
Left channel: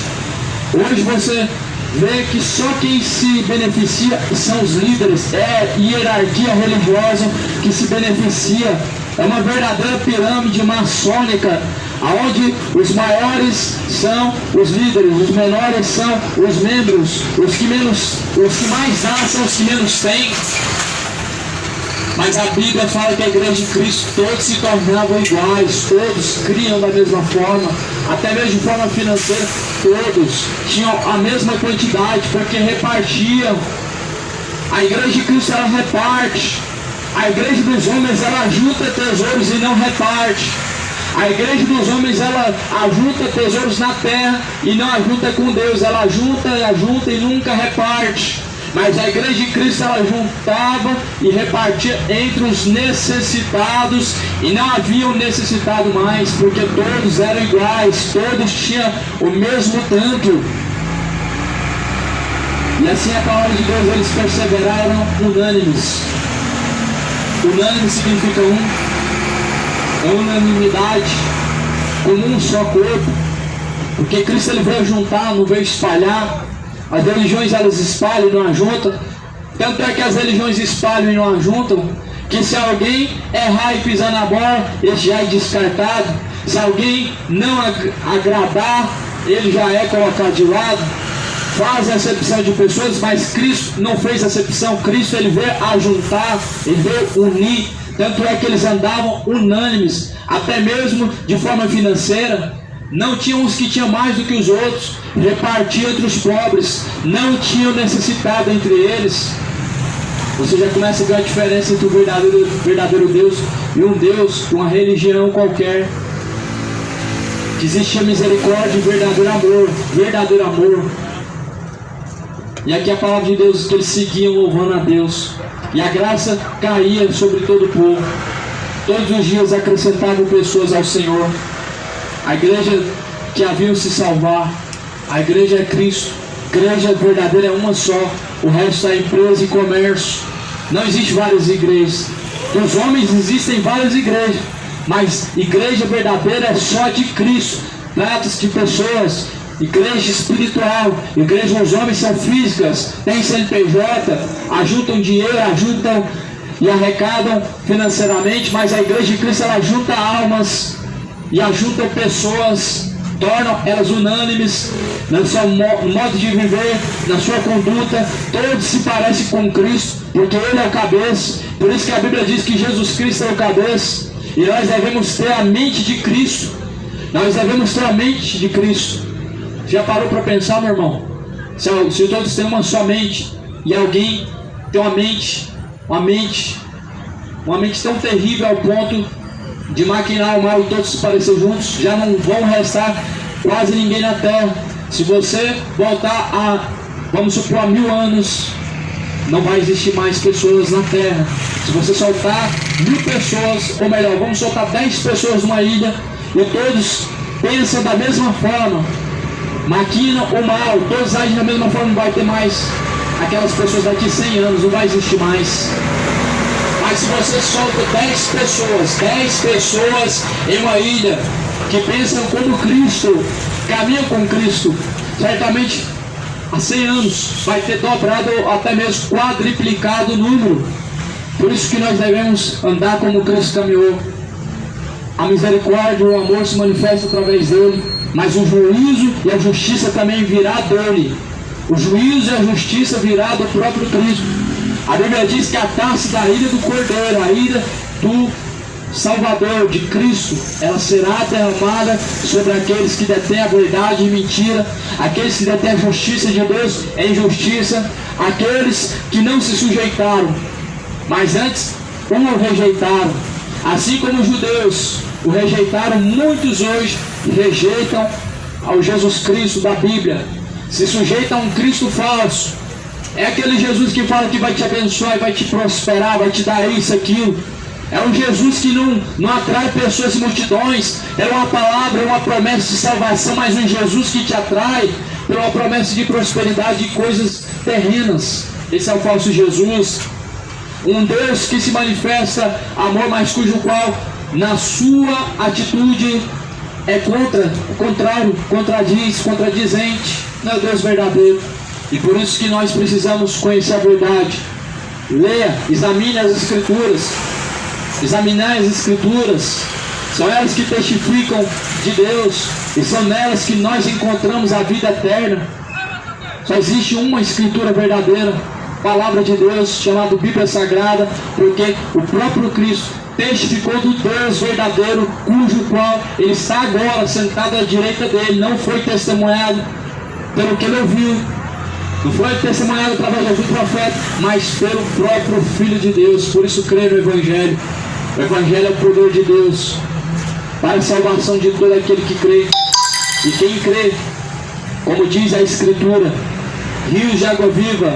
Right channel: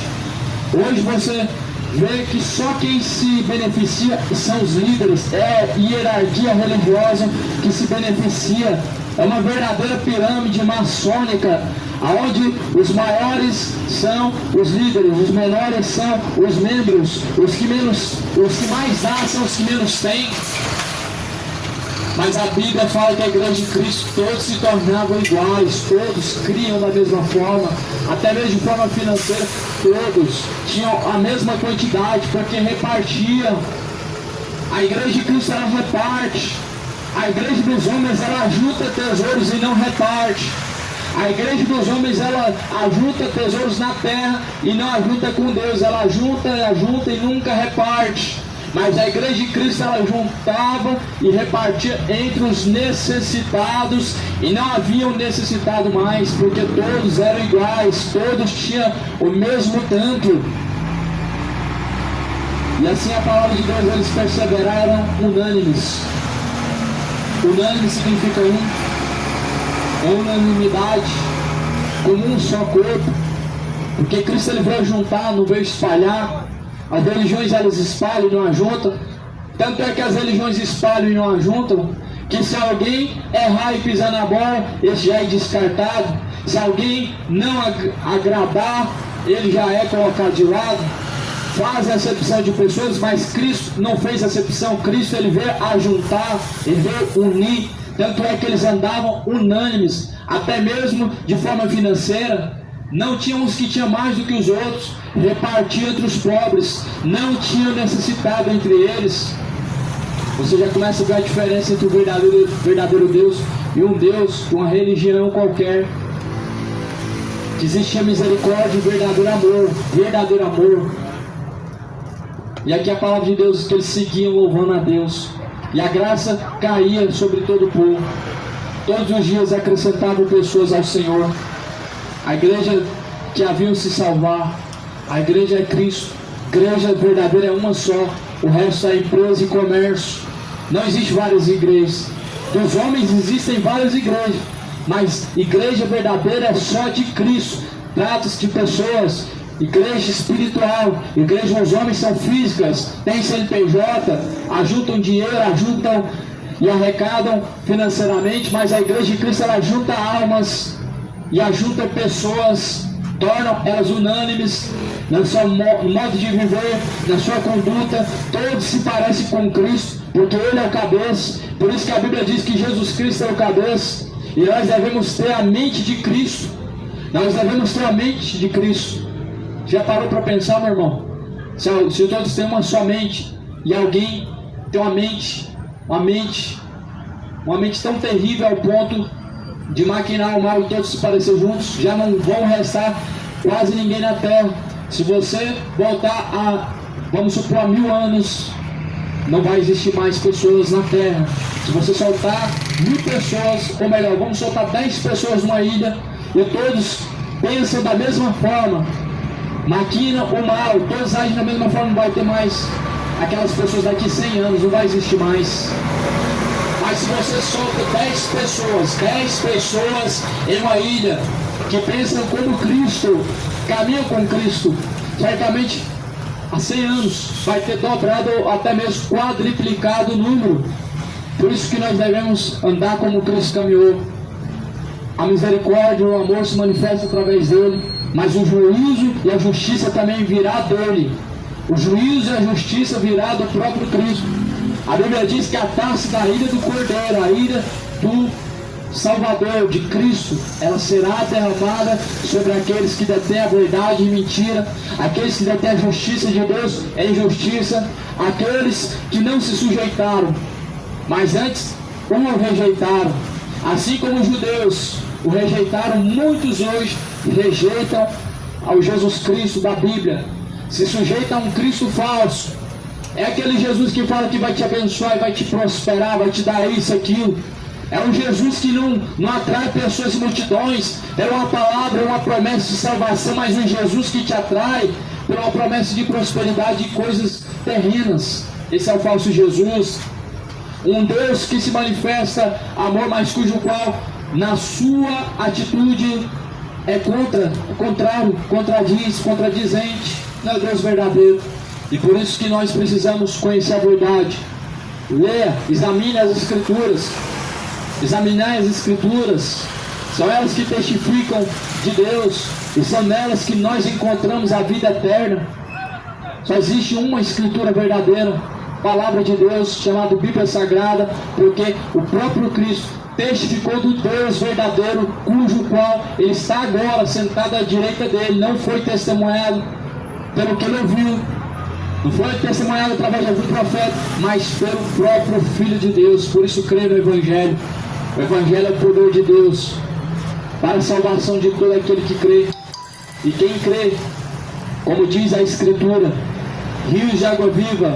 Hoje você vê que só quem se beneficia são os líderes. É a hierarquia religiosa que se beneficia. É uma verdadeira pirâmide maçônica, onde os maiores são os líderes, os menores são os membros, os que mais dão são os que menos têm. Mas a Bíblia fala que a igreja de Cristo, todos se tornavam iguais, todos criam da mesma forma, até mesmo de forma financeira, todos tinham a mesma quantidade, porque repartiam. A igreja de Cristo, ela reparte. A igreja dos homens, ela ajunta tesouros e não reparte. A igreja dos homens, ela ajunta tesouros na terra e não ajunta com Deus. Ela ajunta e nunca reparte. Mas a igreja de Cristo, ela juntava e repartia entre os necessitados, e não havia um necessitado mais, porque todos eram iguais, todos tinham o mesmo tanto. E assim a palavra de Deus, eles perseveraram unânimes. Unânime significa é unanimidade, como um só corpo, porque Cristo ele veio juntar, não veio espalhar. As religiões elas espalham e não ajuntam. Tanto é que as religiões espalham e não ajuntam, que se alguém errar e pisar na bola, ele já é descartado. Se alguém não agradar, ele já é colocado de lado. Faz acepção de pessoas, mas Cristo não fez acepção. Cristo ele veio ajuntar, ele veio unir. Tanto é que eles andavam unânimes, até mesmo de forma financeira. Não tinham os que tinham mais do que os outros, repartiam entre os pobres, não tinham necessitado entre eles. Você já começa a ver a diferença entre o verdadeiro Deus e um Deus de uma religião qualquer. Que existia misericórdia e verdadeiro amor. E aqui a palavra de Deus, que eles seguiam louvando a Deus, e a graça caía sobre todo o povo. Todos os dias acrescentavam pessoas ao Senhor. A igreja que haviam se salvar, a igreja é Cristo, a igreja verdadeira é uma só, o resto é empresa e comércio. Não existe várias igrejas. Dos homens existem várias igrejas, mas igreja verdadeira é só de Cristo. Trata-se de pessoas, igreja espiritual. Igreja, os homens são físicas, têm CNPJ, ajuntam dinheiro, ajuntam e arrecadam financeiramente, mas a igreja de Cristo ela junta almas e ajuntam pessoas, tornam elas unânimes no seu modo de viver, na sua conduta. Todos se parecem com Cristo, porque Ele é o cabeça. Por isso que a Bíblia diz que Jesus Cristo é o cabeça, e nós devemos ter a mente de Cristo. Nós devemos ter a mente de Cristo. Já parou para pensar, meu irmão? Se todos têm uma só mente, e alguém tem uma mente tão terrível ao ponto de maquinar o mal e todos se parecer juntos, já não vão restar quase ninguém na terra. Se você voltar vamos supor, há 1000 anos, não vai existir mais pessoas na terra. Se você soltar 1000 pessoas, ou melhor, vamos soltar 10 pessoas numa ilha, e todos pensam da mesma forma, maquinam o mal, todos agem da mesma forma, não vai ter mais aquelas pessoas daqui 100 anos, não vai existir mais. Mas se você solta 10 pessoas em uma ilha que pensam como Cristo, caminham com Cristo, certamente há 100 anos vai ter dobrado, até mesmo quadriplicado o número. Por isso que nós devemos andar como Cristo caminhou. A misericórdia e o amor se manifestam através dele, mas o juízo e a justiça também virá dele. O juízo e a justiça virá do próprio Cristo. A Bíblia diz que a taça da ira do Cordeiro, a ira do Salvador, de Cristo, ela será derramada sobre aqueles que detêm a verdade e mentira, aqueles que detêm a justiça de Deus e injustiça, aqueles que não se sujeitaram, mas antes o rejeitaram. Assim como os judeus o rejeitaram, muitos hoje rejeitam ao Jesus Cristo da Bíblia, se sujeitam a um Cristo falso. É aquele Jesus que fala que vai te abençoar, vai te prosperar, vai te dar isso, aquilo. É um Jesus que não atrai pessoas e multidões. É uma palavra, uma promessa de salvação, mas um Jesus que te atrai por uma promessa de prosperidade e coisas terrenas. Esse é o falso Jesus. Um Deus que se manifesta amor, mas cujo qual na sua atitude é contrário, contradizente. Não é Deus verdadeiro. E por isso que nós precisamos conhecer a verdade. Leia, examine as Escrituras. Examinar as Escrituras. São elas que testificam de Deus. E são nelas que nós encontramos a vida eterna. Só existe uma Escritura verdadeira, Palavra de Deus, chamada Bíblia Sagrada, porque o próprio Cristo testificou do Deus verdadeiro, cujo qual ele está agora sentado à direita dele. Não foi testemunhado pelo que ele ouviu, não foi testemunhado através de algum profeta, mas pelo próprio Filho de Deus. Por isso crê no Evangelho. O Evangelho é o poder de Deus para a salvação de todo aquele que crê. E quem crê, como diz a Escritura, rios de água viva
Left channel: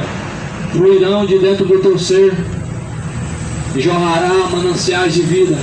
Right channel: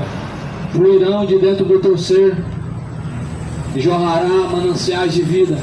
fluirão de dentro do teu ser, e jorrará mananciais de vida.